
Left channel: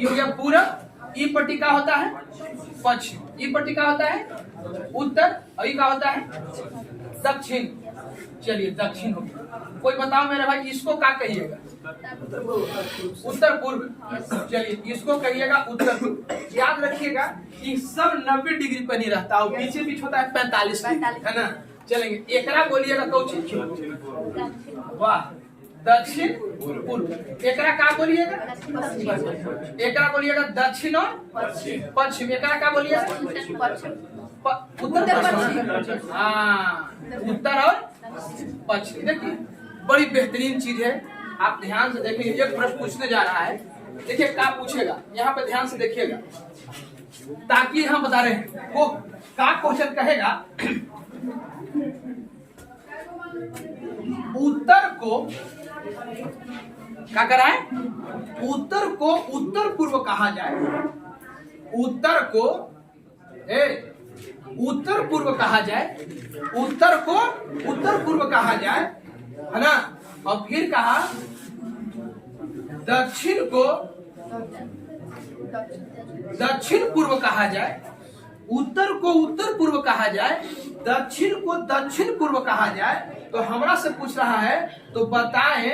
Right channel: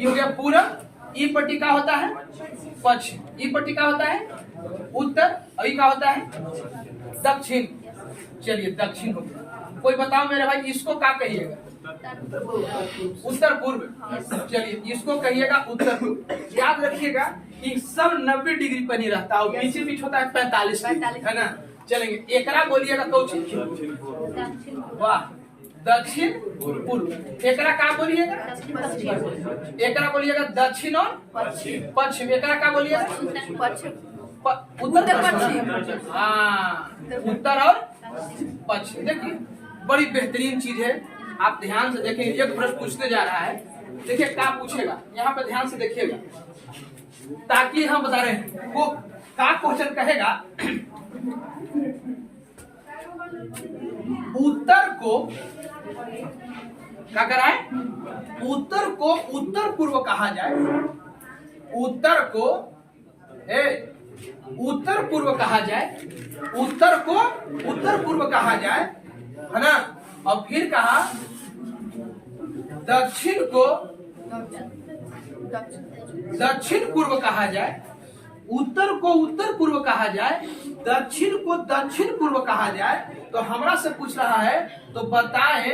ये हो गया पूरब। ई पट्टी का होता है पश्चिम, ई पट्टी का होता है उत्तर, और ई का होता है दक्षिण। चलिए दक्षिण हो गया। कोई बताओ मेरे भाई इसको क्या कहिएगा? उत्तर पूर्व। चलिए इसको कहिएगा उत्तर पूर्व। याद रखिएगा कि सब 90 डिग्री पर नहीं रहता, और पीछे पीछे होता है 45 डिग्री, है ना? चलेंगे एकरा बोलिएगा कौची? वाह, दक्षिण पूर्व। एकरा का बोलिएगा? एकरा बोलिएगा दक्षिण और पश्चिम। एकरा का बोलिएगा? उत्तर पश्चिम। हाँ, उत्तर और पश्चिम। देखिए बड़ी बेहतरीन चीज है, आप ध्यान से देखिए। एक प्रश्न पूछने जा रहा है, देखिए क्या पूछेगा, यहाँ पे ध्यान से देखिएगा ताकि हम बता रहे हैं वो क्या क्वेश्चन कहेगा। उत्तर को क्या कराए? उत्तर को उत्तर पूर्व कहा जाए। उत्तर को उत्तर पूर्व कहा जाए। उत्तर को उत्तर पूर्व कहा जाए, है ना? और फिर कहा दक्षिण को दक्षिण पूर्व कहा जाए। उत्तर को उत्तर पूर्व कहा जाए, दक्षिण को दक्षिण पूर्व कहा जाए। तो हमरा से पूछ रहा है तो बताएं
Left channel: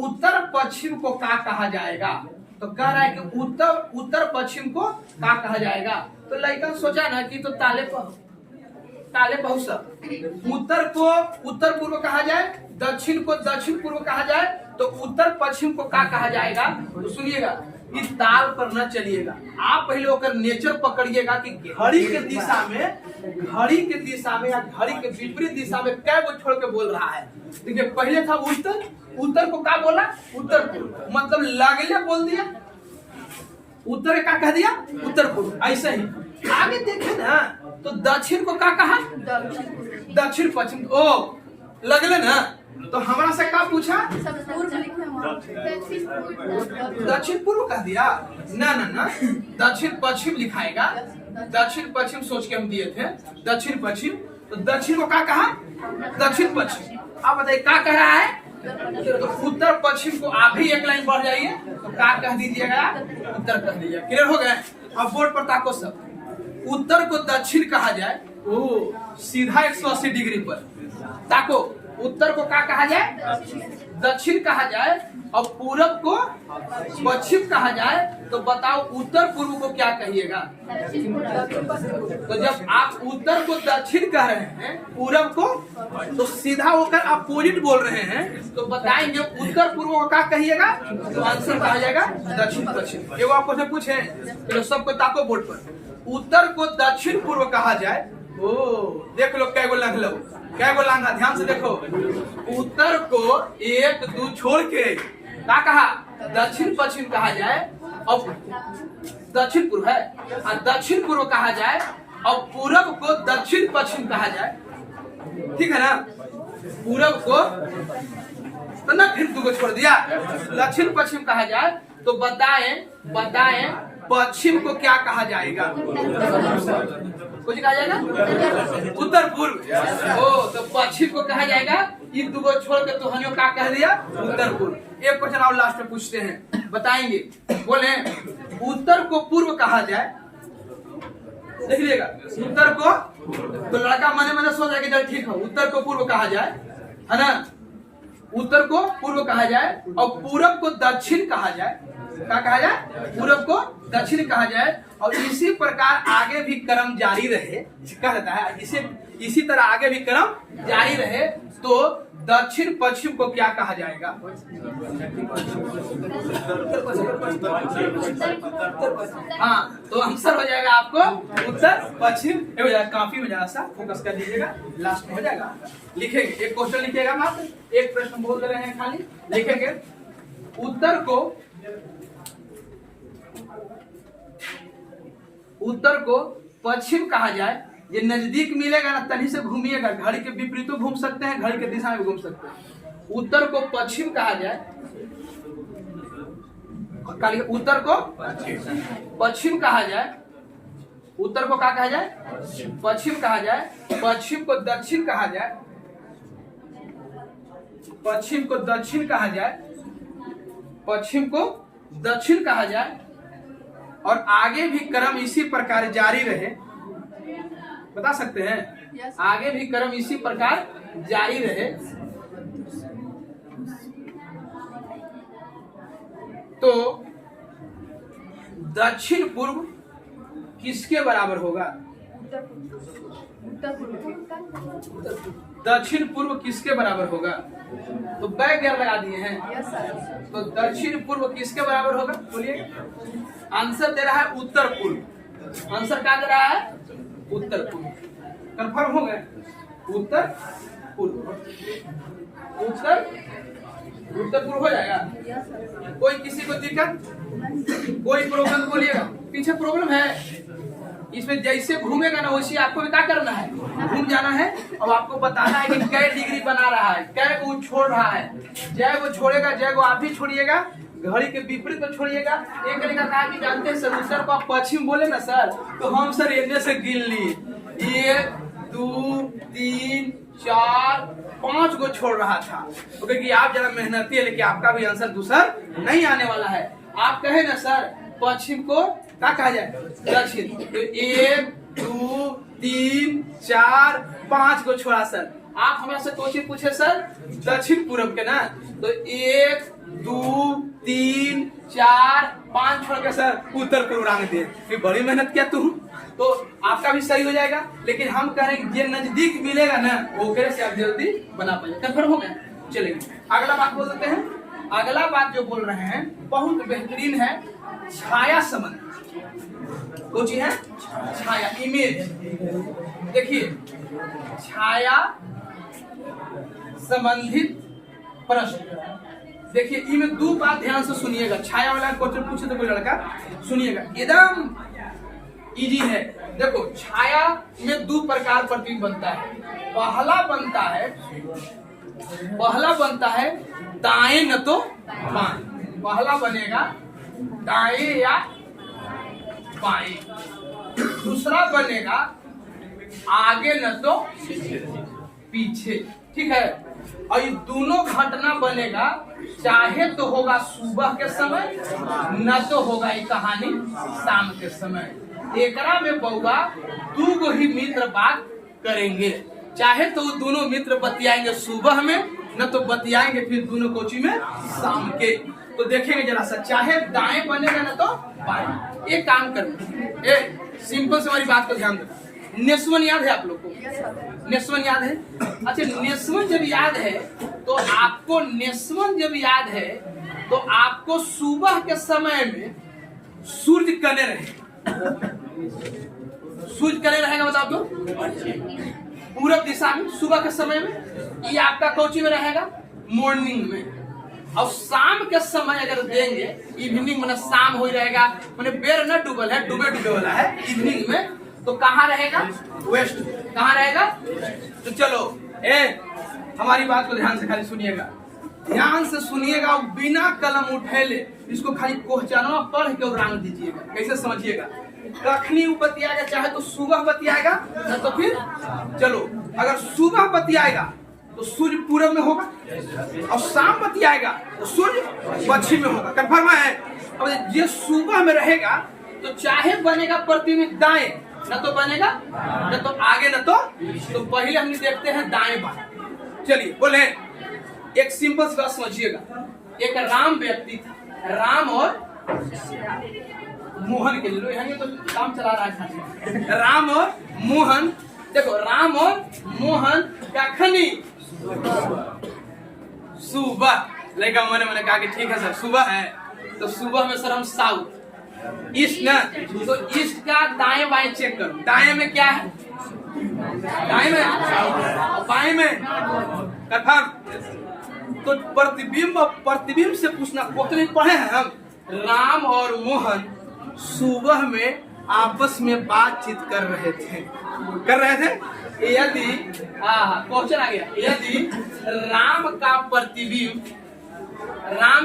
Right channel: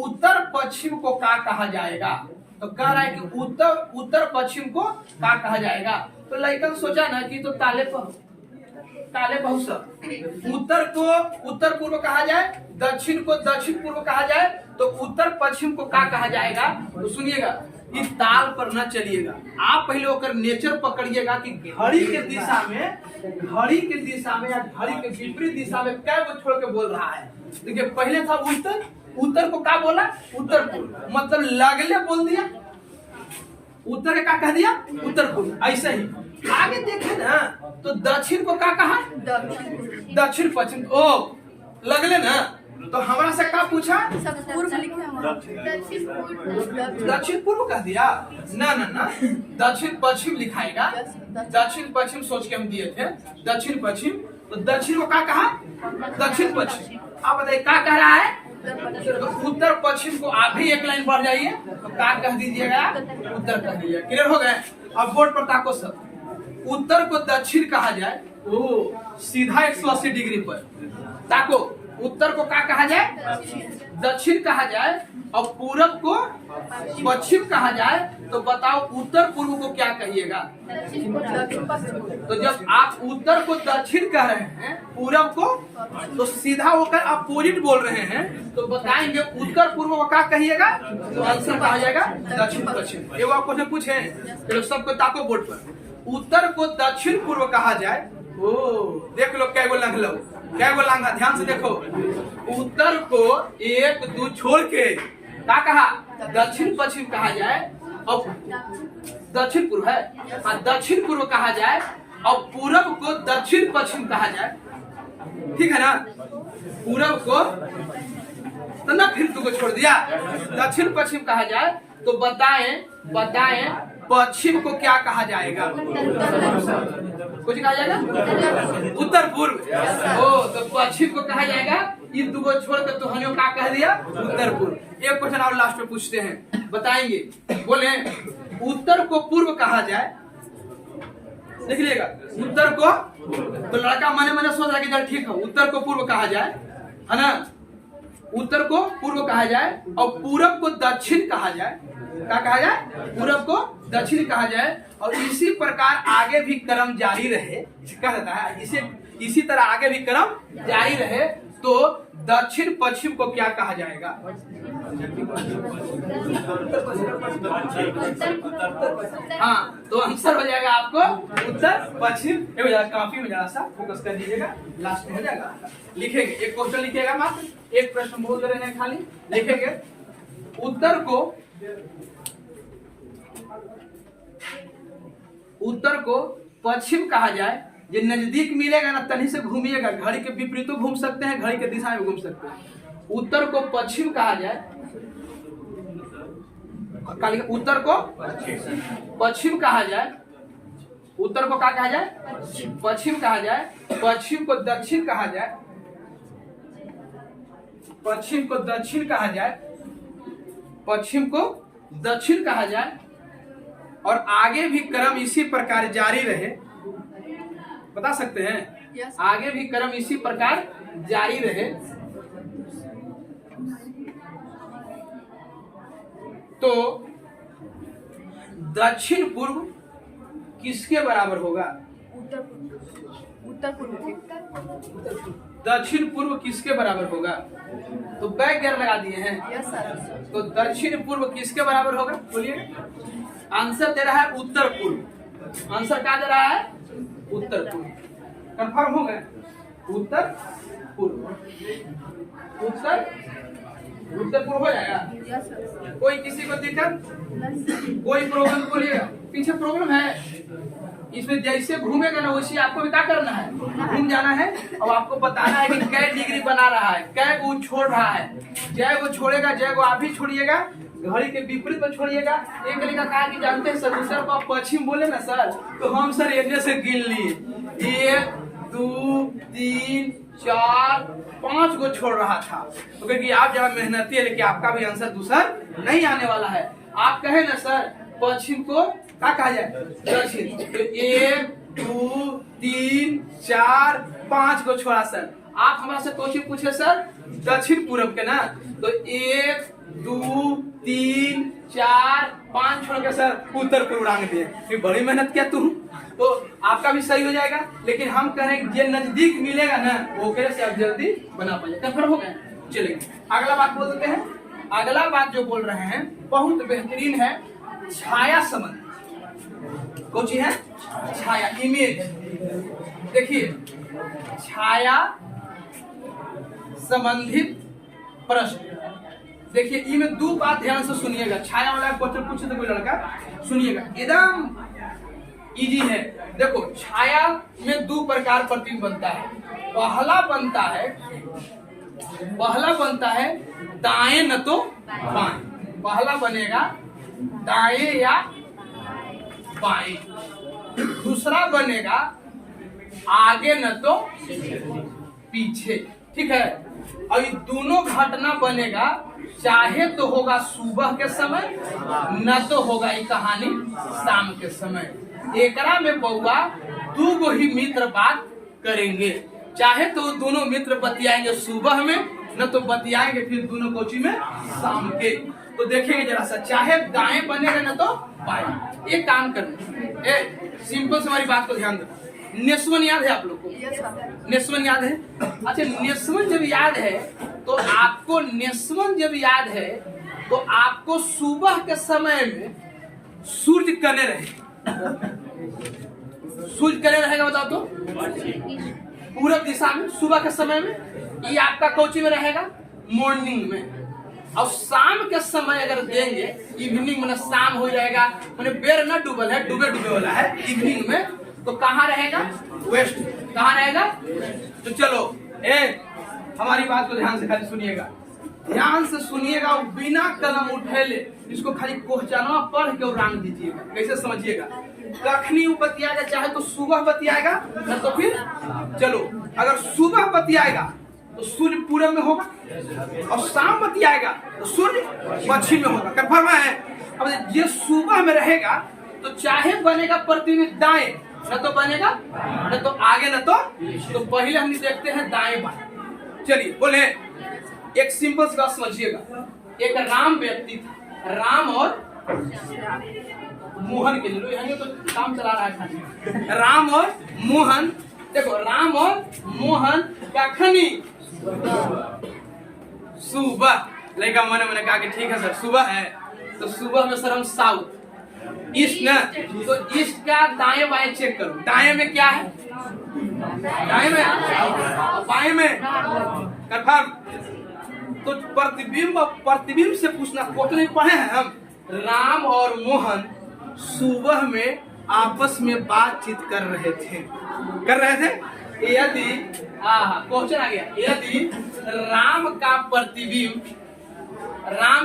उत्तर पश्चिम को क्या कहा जाएगा? तो कह रहा है कि उत्तर पश्चिम को क्या कहा जाएगा? तो लड़कन सोचा ना कि तो ताले बहुत सब। उत्तर को उत्तर पूर्व कहा जाए, दक्षिण को दक्षिण पूर्व कहा जाए, तो उत्तर पश्चिम को क्या कहा जाएगा? तो सुनिएगा, इस ताल पर न चलिएगा, आप पहले होकर नेचर पकड़िएगा कि घड़ी के दिशा में या घड़ी के विपरीत दिशा में क्या वो छोड़ के बोल रहा है। देखिए पहले था उत्तर, उत्तर को क्या बोला? उत्तर पूर्व, मतलब लगले बोल दिया, उत्तर का कह दिया उत्तर पूर्व। ऐसे ही आगे देखे ना तो दक्षिण को क्या कहा? दक्षिण पश्चिम। ओ लगले ना, तो हमारा से क्या पूछा? दक्षिण पूर्व कह दिया ना ना ना, दक्षिण पश्चिम लिखाएगा। दक्षिण पश्चिम सोच के हम दिए थे दक्षिण पश्चिम, तो दक्षिण को क्या कहा? दक्षिण पश्चिम। आप बताइए क्या कह रहा है? तो उत्तर पश्चिम को आप भी एक लाइन बढ़ जाइए तो क्या कह दीजिएगा? उत्तर कह दीजिए। क्लियर हो गया? अब बोर्ड पर ताको सब। उत्तर को दक्षिण कहा जाए, ओ सीधा 180 डिग्री पर ताको। उत्तर को क्या कहा जाए? दक्षिण कहा जाए, और पूरब को पश्चिम कहा जाए। तो बताओ उत्तर पूर्व को क्या कहिएगा? तो जब आप उत्तर को दक्षिण कह रहे हैं, पूरब को तो सीधा होकर अपोजिट बोल रहे हैं, तो बताएंगे उत्तर पूर्व को क्या कहिएगा? तो आंसर कहा जाएगा दक्षिण पश्चिम। ये आपको से पूछे तो सबको ताको बोर्ड पर। उत्तर को दक्षिण पूर्व कहा जाए। ओ देख लो क्या लांघ लो, क्या लांघा, ध्यान से देखो। उत्तर को 1 2 छोड़ के क्या कहा? दक्षिण पश्चिम कहा जाए, और दक्षिण पूर्व है, और दक्षिण पूर्व कहा जाए, और पूरब को दक्षिण पश्चिम कहा जाए। ठीक है ना? पूरब को तो ना, फिर 2 को छोड़ दिया, दक्षिण पश्चिम कहा जाए। तो बताएं पश्चिम को क्या कहा जाएगा? कुछ कहा जाएगा? उत्तर पूर्व। ओ तो पश्चिम को कहा जाएगा। ये 2 को छोड़ कर तो क्या कह दिया? उत्तर पूर्व। एक क्वेश्चन और लास्ट में पूछते हैं, बताएंगे। बोले उत्तर को पूर्व कहा जाए, देख लीजिएगा। उत्तर को तो लड़का मने सोच रहा है ठीक है, उत्तर को पूर्व कहा जाए, है ना? उत्तर को पूर्व कहा जाए, और पूरब को दक्षिण कहा जाए। क्या कहा जाए? पूरब को दक्षिण कहा जाए, और इसी प्रकार आगे भी क्रम जारी रहे। कह देता है इसी तरह आगे भी क्रम जारी रहे, तो दक्षिण पश्चिम को क्या कहा जाएगा? हाँ, तो आंसर हो जाएगा आपको उत्तर पश्चिम। हो जाएगा, काफी में जरा सा फोकस कर दीजिएगा, लास्ट में हो जाएगा। लिखेंगे, एक क्वेश्चन लिखिएगा, मात्र एक प्रश्न बोल रहे हैं, खाली लिखेंगे उत्तर को पश्चिम कहा जाए। ये नजदीक मिलेगा ना, तनी से घूमिएगा, घड़ी के विपरीत घूम सकते हैं, घड़ी के दिशा में घूम सकते हैं। उत्तर को पश्चिम कहा जाए, उत्तर को पश्चिम कहा जाए, उत्तर को क्या कहा जाए? पश्चिम कहा जाए। पश्चिम को दक्षिण कहा जाए, पश्चिम को दक्षिण कहा जाए, पश्चिम को दक्षिण कहा जाए, और आगे भी क्रम इसी प्रकार जारी रहे। बता सकते हैं? आगे भी क्रम इसी प्रकार जारी रहे तो दक्षिण पूर्व किसके बराबर होगा? दक्षिण पूर्व किसके बराबर होगा? तो बैक गियर लगा दिए हैं। तो दक्षिण पूर्व किसके बराबर होगा? बोलिए। आंसर दे रहा है उत्तर पूर्व। आंसर क्या दे रहा है? उत्तर पूर्व। कंफर्म हो गए? उत्तर पूर्व, उत्तर पूर्व हो जाएगा। कोई किसी को दिक्कत, कोई प्रॉब्लम? बोलिएगा। पीछे प्रॉब्लम है इसमें, जैसे घूमेगा ना वैसे आपको भी क्या करना है? घूम जाना है। अब आपको बताना है कि कै डिग्री बना रहा है, कै को छोड़ रहा है। जय को छोड़ेगा, जय को आप भी छोड़िएगा, घड़ी के विपरीत में छोड़िएगा। एक लड़का कहा कि जानते हैं सर, उत्तर को आप पश्चिम बोले ना सर, तो हम सर इतने से गिन लिए, 1 2 3 4 5 को छोड़ रहा था। तो क्योंकि आप जरा मेहनती है, लेकिन आपका भी आंसर दूसर नहीं आने वाला है। आप कहे ना सर पश्चिम को क्या कहा जाए? दक्षिण। तो 1 2 3 4 5 को छोड़ा सर। आप हमारे से क्वेश्चन पूछे सर दक्षिण पूर्व के ना, तो 1 2 3 4 5 छोड़ के सर उत्तर पूर्व रंग दिए। फिर बड़ी मेहनत किया तू, तो आपका भी सही हो जाएगा। लेकिन हम कह रहे हैं ये नजदीक मिलेगा ना, वो से आप जल्दी बना पाए। कंफर्म हो गया? चलेंगे अगला बात बोल देते हैं। अगला बात जो बोल रहे हैं बहुत बेहतरीन है, छाया संबंध। कौन सी है? छाया, इमेज। देखिए, छाया संबंधित प्रश्न। देखिए इनमें 2 बात ध्यान से सुनिएगा। छाया वाला क्वेश्चन पूछे तो कोई लड़का, सुनिएगा, एकदम इजी है। देखो छाया में 2 प्रकार प्रतिबिंब बनता है। पहला बनता है दाएं न तो बाएं। पहला बनेगा दाएं या बाएं। दूसरा बनेगा आगे न तो पीछे। ठीक है? और ये दोनों घटना बनेगा, चाहे तो होगा सुबह के समय, न तो होगा ये कहानी शाम के समय। एकरा में बउआ 2 गो ही मित्र बात करेंगे। चाहे तो दोनों मित्र बतियाएंगे सुबह में, न तो बतियाएंगे फिर दोनों कोची में शाम के। तो देखेंगे जरा सा, चाहे दाएं बनेगा न तो बाएं। एक काम करना, सिंपल से हमारी बात को ध्यान देना। नेस्वन याद है आप लोग को? नेस्वन याद है? अच्छा, नेस्वन जब याद है तो आपको, नेस्वन जब याद है तो आपको सुबह के समय में सूर्य कने रहेगा। सूर्य कने रहेगा, बताओ तो? पूरब दिशा में सुबह के समय में। ये आपका कोची में रहेगा? मॉर्निंग में। और शाम के समय अगर देंगे, इवनिंग में शाम हो रहेगा, मैंने बेर न डूबल है, डूबे वाला है इवनिंग में, तो कहाँ रहेगा? वेस्ट। कहाँ रहेगा? तो चलो हमारी बात को ध्यान से खाली सुनिएगा, ध्यान से सुनिएगा, बिना कलम उठेले इसको खाली क्वेश्चनवा पढ़ के रंग दीजिएगा। कैसे समझिएगा? कखनी वो बतियाएगा, चाहे तो सुबह बतियाएगा, न तो फिर चलो अगर सुबह बतियाएगा तो सूर्य पूरब में होगा, और शाम बतियाएगा तो सूर्य पश्चिम में होगा। कंफर्म है? अब ये सुबह में रहेगा तो चाहे बनेगा प्रतिबिंब दाएं, न तो बनेगा न तो आगे न तो पहले हम देखते हैं दाएं बाएं। चलिए बोले, एक सिंपल सी बात समझिएगा। एक राम व्यक्ति था, राम और मोहन के लिए, यहाँ तो काम चला रहा है खाली। राम और मोहन, देखो राम और मोहन क्या खनी सुबह। लड़का मैंने कहा कि ठीक है सर सुबह है, तो सुबह में सर हम साउथ, ईस्ट ना, तो ईस्ट का दाएं बाएं चेक करो। दाएं में क्या है? दाएं में और बाएं में कंफर्म। तो प्रतिबिंब से पूछना, क्वेश्चन पढ़े हैं हम। राम और मोहन सुबह में आपस में बातचीत कर रहे थे। यदि क्वेश्चन आ गया, यदि राम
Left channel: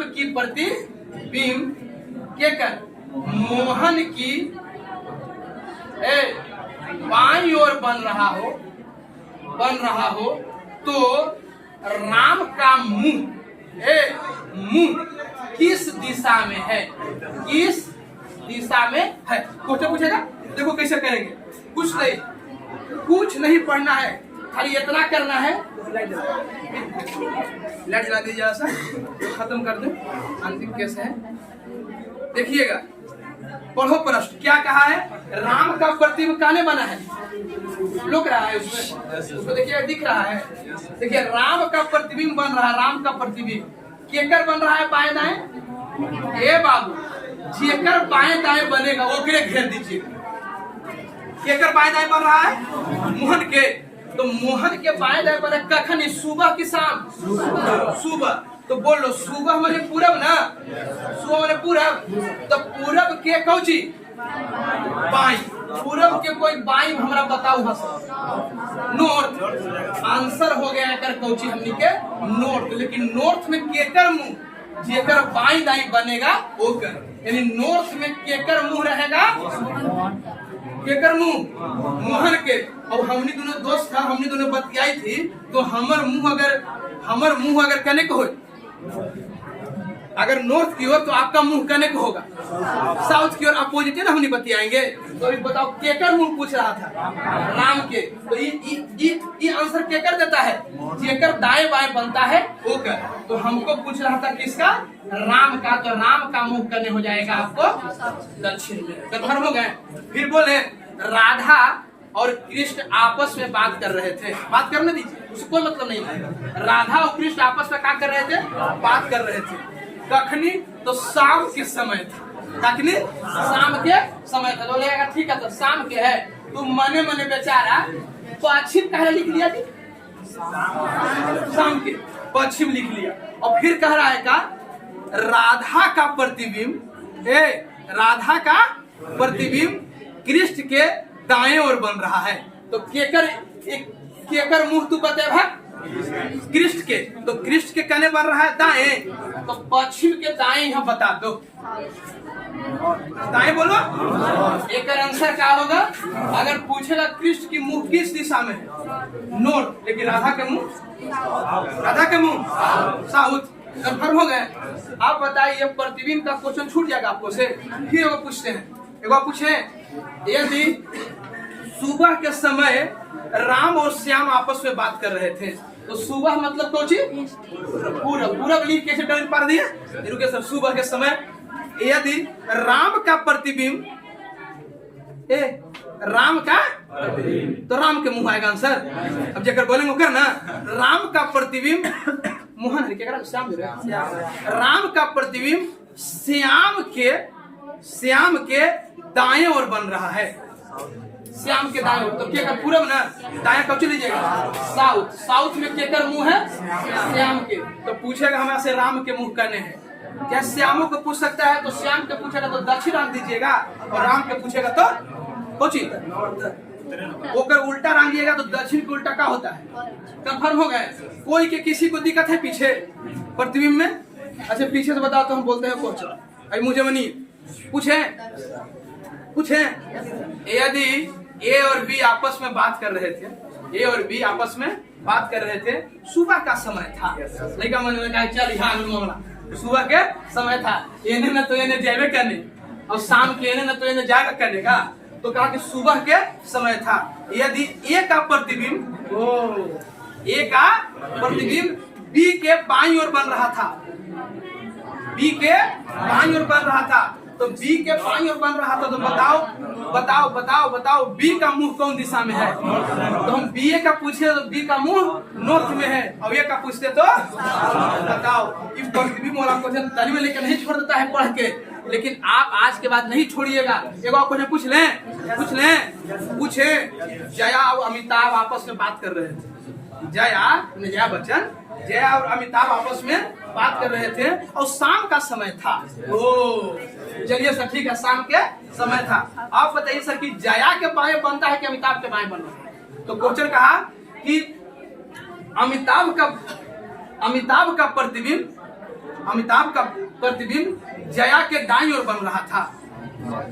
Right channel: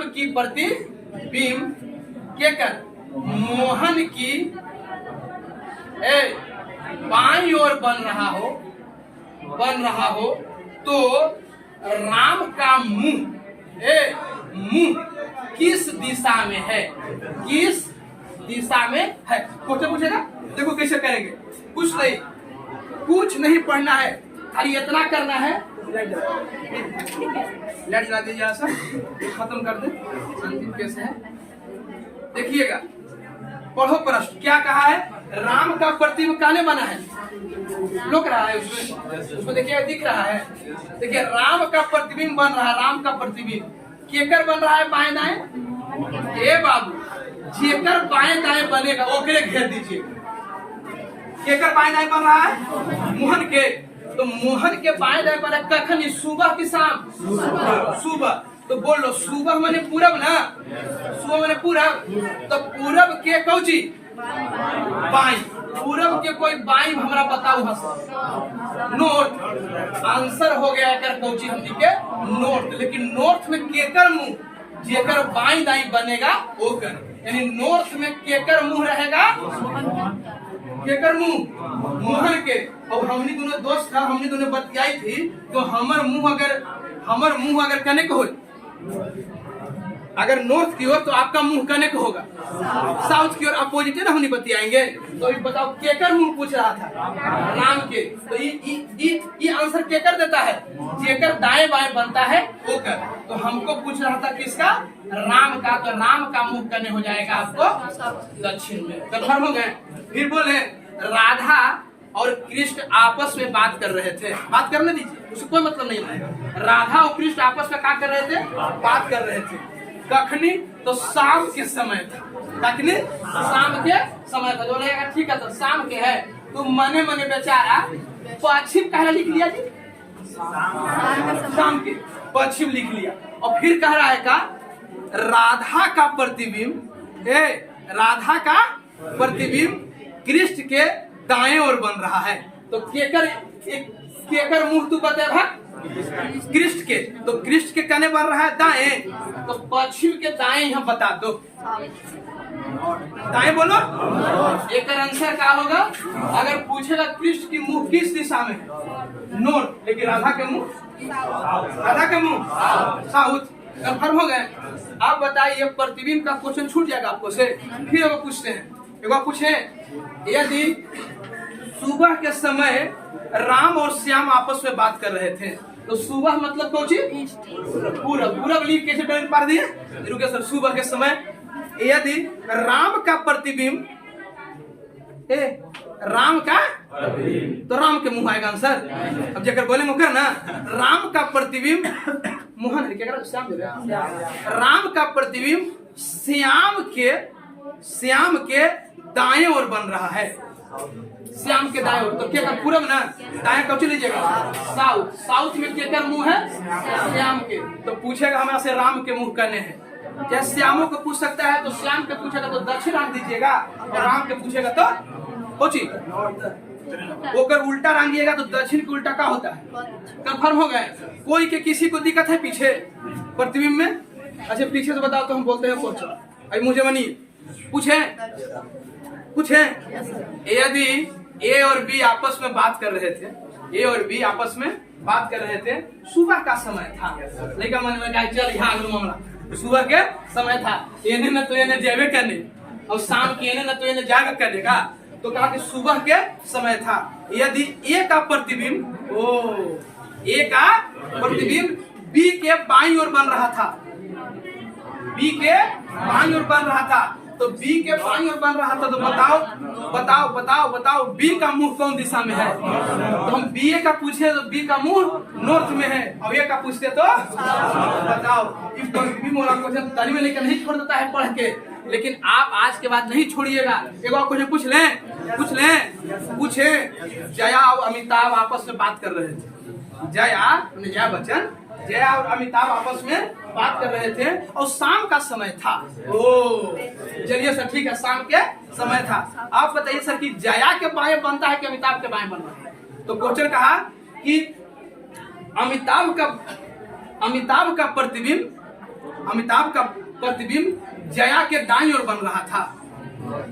की प्रतिबिंब क्या कर मोहन की बाईं ओर बन रहा हो तो राम का मुंह किस दिशा में है? किस दिशा में है? क्वेश्चन पूछेगा, देखो कैसे करेंगे। कुछ नहीं पढ़ना है, खाली इतना करना है। लाइट जला दीजिए सर, खत्म कर दे। अंतिम कैसे है देखिएगा। पढ़ो प्रश्न क्या कहा है? राम का प्रतिबिंब काने बना है? लुक रहा है उसमें देखिए, दिख रहा है। देखिए राम का प्रतिबिंब बन रहा है। राम का प्रतिबिंब केकर बन रहा है? बाएं दाएं। ए बाबू, जेकर बाएं दाएं बनेगा वो के घेर दीजिए। केकर बाएं दाएं बन रहा है? मोहन के। तो मोहन के बाएं दाएं बना कखन? सुबह की शाम? सुबह। तो बोलो सुबह माने पूरब ना? सुबह माने पूरब। तो पूरब के कौची? बाई। पूरब के कोई बाई हमरा बताओ बस। नॉर्थ। आंसर हो गया कर कौची हमनी के नॉर्थ। लेकिन नॉर्थ में केकर मुंह? जेकर बाई दाई बनेगा वो कर। यानी नॉर्थ में केकर मुंह रहेगा? केकर मुंह? मोहन के। और हमनी दोनों दोस्त था, हमनी दोनों बतियाई थी। तो हमर मुंह अगर कने को हो, अगर नॉर्थ की ओर तो आपका मुंह कने को होगा साउथ की ओर। अपोजिट है ना, हम नहीं बतियाएंगे। तो बताओ केकर मुंह पूछ रहा था? राम के। तो ये आंसर केकर देता है? जेकर दाएं बाएं बनता है वो कर। तो हमको पूछ रहा था किसका? राम का। तो राम का मुंह कने हो जाएगा आपको दक्षिण में। कन्फर्म हो गए? फिर बोले राधा और कृष्ण आपस में बात कर रहे थे। बात करने दीजिए, उससे कोई मतलब नहीं है। राधा और कृष्ण आपस में क्या कर रहे थे? बात कर रहे थे। कखनी? तो शाम के समय था। कखनी? शाम के समय था। बोलेगा ठीक है तो शाम के है। तो मने बेचारा पश्चिम कहना लिख लिया जी, शाम के पश्चिम लिख लिया। और फिर कह रहा है का राधा का प्रतिबिंब कृष्ण के दाएं ओर बन रहा है। तो केकर मुंह तू बतेगा? कृष्ण के। तो कृष्ण के कने बन रहा है? दाएं। तो पश्चिम के दाएं यहाँ बता दो। दाएं बोलो। एक आंसर क्या होगा? अगर पूछेगा कृष्ण की मुंह किस दिशा में है? नॉर्थ। लेकिन राधा के मुंह साउथ। कंफर्म हो गए? आप बताइए प्रतिबिंब का क्वेश्चन छूट जाएगा आपको से। फिर वो पूछते हैं, एक बार पूछे, यदि सुबह के समय राम और श्याम आपस में बात कर रहे थे। तो सुबह मतलब कौन चीज? पूरब लिख कैसे डर पा दिए? रुके सर। सुबह के समय यदि राम का प्रतिबिंब राम का, तो राम के मुंह आएगा आंसर। अब जगह बोलेंगे कर ना, राम का प्रतिबिंब मोहन है क्या? श्याम राम का प्रतिबिंब श्याम के दाएं ओर बन रहा है। श्याम के दाएं ओर। तो क्या पूरब ना? दाएं कब लीजिएगा? साउथ में केकर मुंह है? श्याम के। तो पूछेगा हमें से राम के मुंह करने हैं। क्या श्यामों को पूछ सकता है? तो श्याम के पूछेगा तो दक्षिण रंग दीजिएगा, और राम के पूछेगा तो कोची ओकर उल्टा रंगिएगा। तो दक्षिण के उल्टा क्या होता है? कंफर्म हो गए? कोई के किसी को दिक्कत है पीछे प्रतिबिंब में? अच्छा पीछे से बताओ तो हम बोलते हैं क्वेश्चन। अभी मुझे बनिए पूछे यदि ए और बी आपस में बात कर रहे थे, सुबह का समय था। लड़का मन में कहा चल यहाँ मामला सुबह के समय था। एने न तो एने जावे करने, और शाम के एने न तो एने जाएगा करने का। तो कहा कि सुबह के समय था। यदि ए का प्रतिबिंब बी के बाईं ओर बन रहा था, तो बी के बाईं ओर बन रहा था, तो बताओ बताओ बताओ बताओ बी का मुंह कौन दिशा में है? तो हम बी ए का पूछे तो बी का मुंह नॉर्थ में है, और ए का पूछते तो बताओ। इस प्रतिबिंब वाला क्वेश्चन तनी में लेकर नहीं छोड़ देता है पढ़ के, लेकिन आप आज के बाद नहीं छोड़िएगा। एक और क्वेश्चन पूछ लें पूछे। जया और अमिताभ आपस में बात कर रहे थे। जया बच्चन, जया और अमिताभ आपस में बात कर रहे थे और शाम का समय था। ओ चलिए सर, ठीक है, शाम के समय था। आप बताइए सर कि जया के बाएं बनता है कि अमिताभ के बाएं बन रहा है? तो क्वेश्चन कहा कि अमिताभ का प्रतिबिंब जया के दाईं ओर बन रहा था।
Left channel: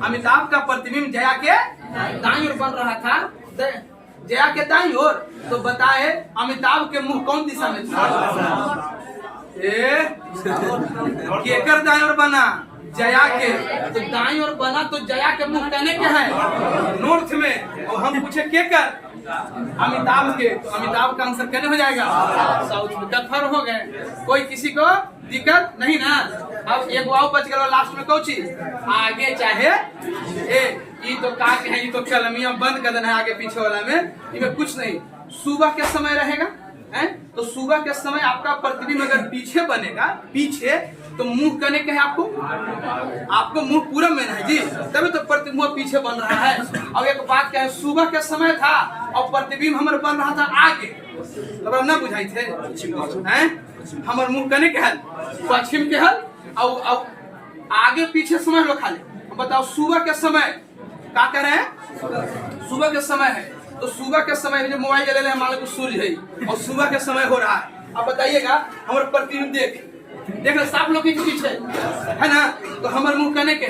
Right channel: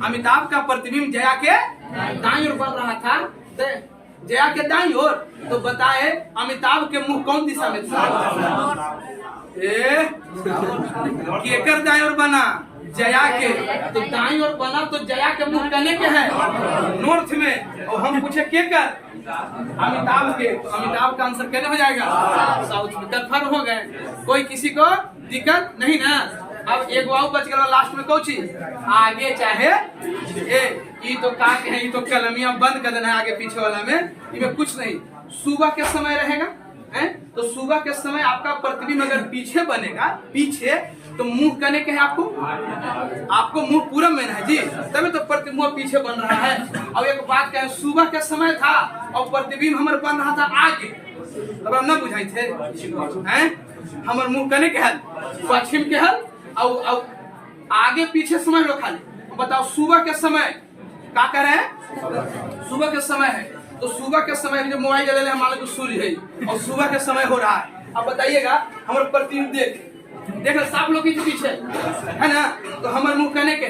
अमिताभ का प्रतिबिंब जया के दाईं ओर बन रहा था, जया के दाईं ओर। तो बताए अमिताभ के मुंह कौन दिशा में था? केकर दाईं ओर बना? जया के। तो दाईं ओर बना तो जया के मुंह कहने के है नॉर्थ में, और हम पूछे केकर? अमिताभ के। तो अमिताभ का आंसर कहने हो जाएगा साउथ में। कंफर्म हो गए? कोई किसी को दिक्कत नहीं ना? अब एक वाव बच गया लास्ट में, कौन चीज आगे चाहे ये तो का है, ये तो कलमिया बंद कर देना है आगे पीछे वाला में, इसमें कुछ नहीं। सुबह के समय रहेगा है, तो सुबह के समय आपका प्रतिबिंब अगर पीछे बनेगा, पीछे, तो मुंह करने के है आपको मुंह पूरब में है जी, तभी तो प्रतिबिंब पीछे बन रहा है। अब एक बात क्या है, सुबह के समय था और प्रतिबिंब हमारे बन रहा था आगे, अब ना बुझाई थे हैं? हमारे मुंह करने के हल पश्चिम के हल, और आगे पीछे समय लो खाली। बताओ सुबह के समय क्या कर रहे हैं? सुबह के समय है, तो सुबह के समय जो मोबाइल ले रहे हैं, मान लो तो सूर्य है और सुबह के समय हो रहा है। अब बताइएगा हमारे प्रतिबिंब देख साफ लोग के पीछे है ना, तो हमारे मुंह कहने के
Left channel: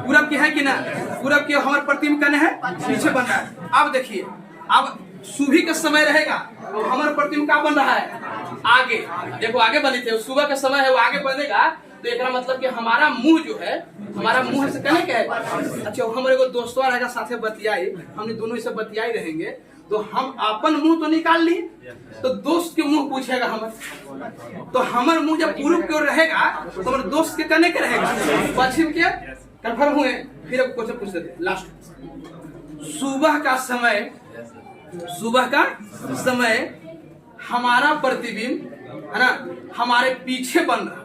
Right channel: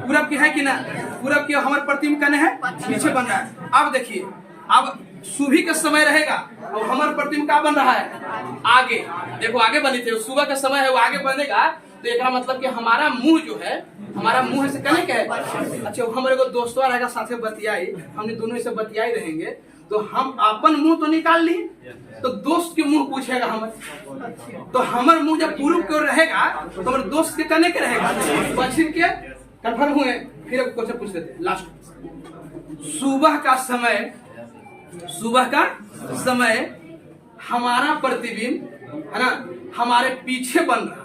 पूरब की है कि ना? पूरब की हमारे प्रतिबिंब कहने है पीछे बन रहा है। अब देखिए, अब सुबह का समय रहेगा और हमारे प्रतिबिंब क्या बन रहा है? आगे। देखो आगे बनी थे, सुबह का समय है वो आगे बनेगा, तो एक मतलब कि हमारा मुंह जो है, हमारा मुंह से कहने के है। अच्छा, हमारे को दोस्तों रहेगा साथे बतियाई, हमने दोनों से बतियाई रहेंगे, तो हम अपन मुंह तो निकाल ली, तो दोस्त के मुंह पूछेगा हमारे, तो हमारे मुंह जब पूर्व की ओर रहेगा तो हमारे दोस्त के कहने के रहेगा पश्चिम के। कंफर्म हुए? फिर अब क्वेश्चन पूछ लेते हैं लास्ट। सुबह का समय हमारा प्रतिबिंब है ना, हमारे पीछे बन रहा है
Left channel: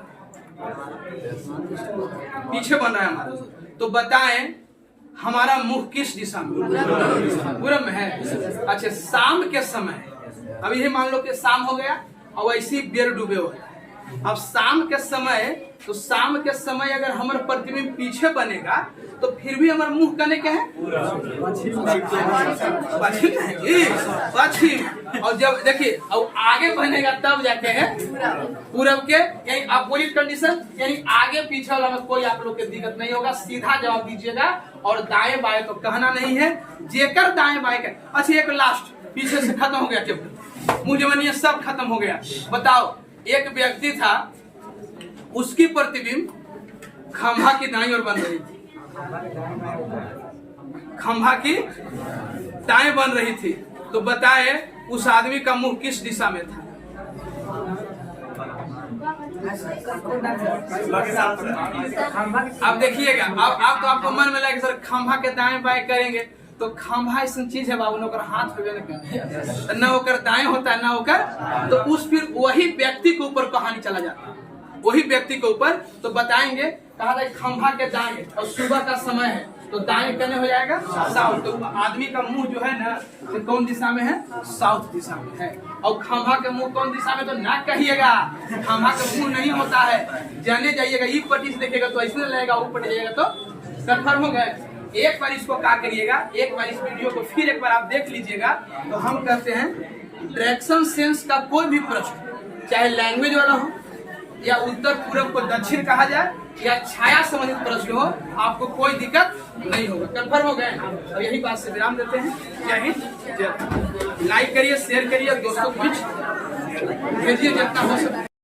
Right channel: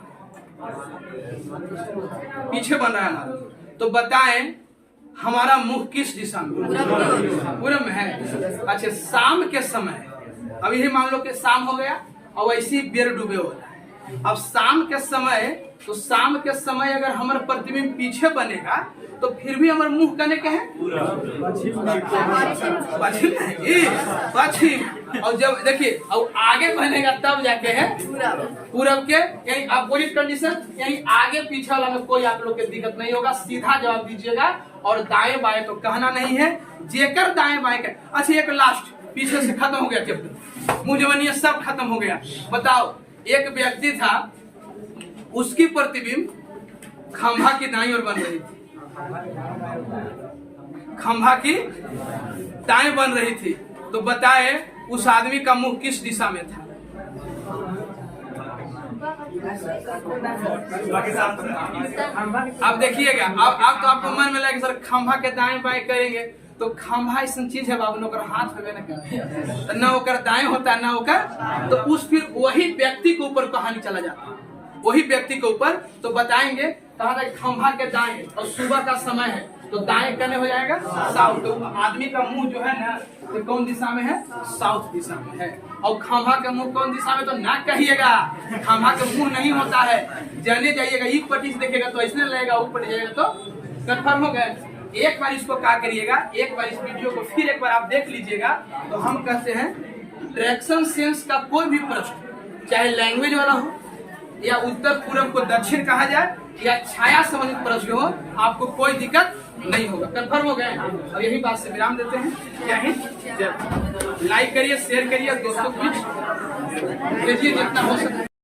हमारा, तो बताएं हमारा मुंह किस दिशा में? पूरब में है। अच्छा, शाम के समय, अब यही मान लो कि शाम हो गया और वैसे ही बेर डूबे हो रहा है। अब शाम के समय, तो शाम के समय अगर हमारा प्रतिबिंब पीछे बनेगा तो फिर भी हमारे मुंह कहने के है पश्चिम है जी, पश्चिम। और जब देखिए अब आगे बनेगा तब जाके है पूरब के, यानी अपोजिट कंडीशन, यानी आगे पीछे वाला में कोई आप लोग के दिक्कत नहीं होगा, सीधा जवाब दीजिएगा। और दाएं बाएं तो कहना नहीं है, जेकर दाएं बाएं के। अच्छा, एक लास्ट, पीछे से खत्म हो गया चैप्टर, मुंह जवानी सब खत्म हो गया। बताओ, एक व्यक्ति था, उसकी प्रतिबिंब खंभा की दाईं ओर बन रही थी, खंभा की दाएं बन रही थी, तो बताए उस आदमी का मुंह किस दिशा में था? अब देखिएगा, अब तो आपको मन में लगे सर खंभा के दाएं बाएं करेंगे, तो खंभा ऐसा चीज है बाबू, नौकर हाथ होवे न होकर दाएं होता है, न होकर, तो उस फिर वही व्यक्ति के ऊपर कहानी चला जाता है, वही व्यक्ति के ऊपर। तो बताएंगे, कहा था खंभा के दाएं और सुबह का समय है, तो दाएं करने हो जाएगा साउथ। तो आदमी का मुंह जो है ना, तो कौन दिशा में है? साउथ दिशा में है। और खंभा के मुंह कौन दिशा में? तो ना कहिएगा, खंभा के मुंह नहीं होता है, जाने जाइएगा, एक पट्टी से देखिएगा तो ऐसे लगेगा, ऊपर जाइएगा तो कंफर्म हो गए। एक बार इसको क्या करिएगा, एक बार इस वीडियो को फिर एक बार आप देख लीजिएगा। तो हम कहते हैं डायरेक्शन सेंस का कोई भी प्रश्न, चाहे लैंग्वेज वाला हो या उत्तर पूर्व को दक्षिण कहा जाए या छाया संबंधित प्रश्न हो, आपको कोई दिक्कत नहीं होगा। कंफर्म हो गए? और यही बात से विराम देते हैं। जय हिंद, जय भारत। लाइक करिए, शेयर करिए, दोस्तों को भेजिए जितना हो सके।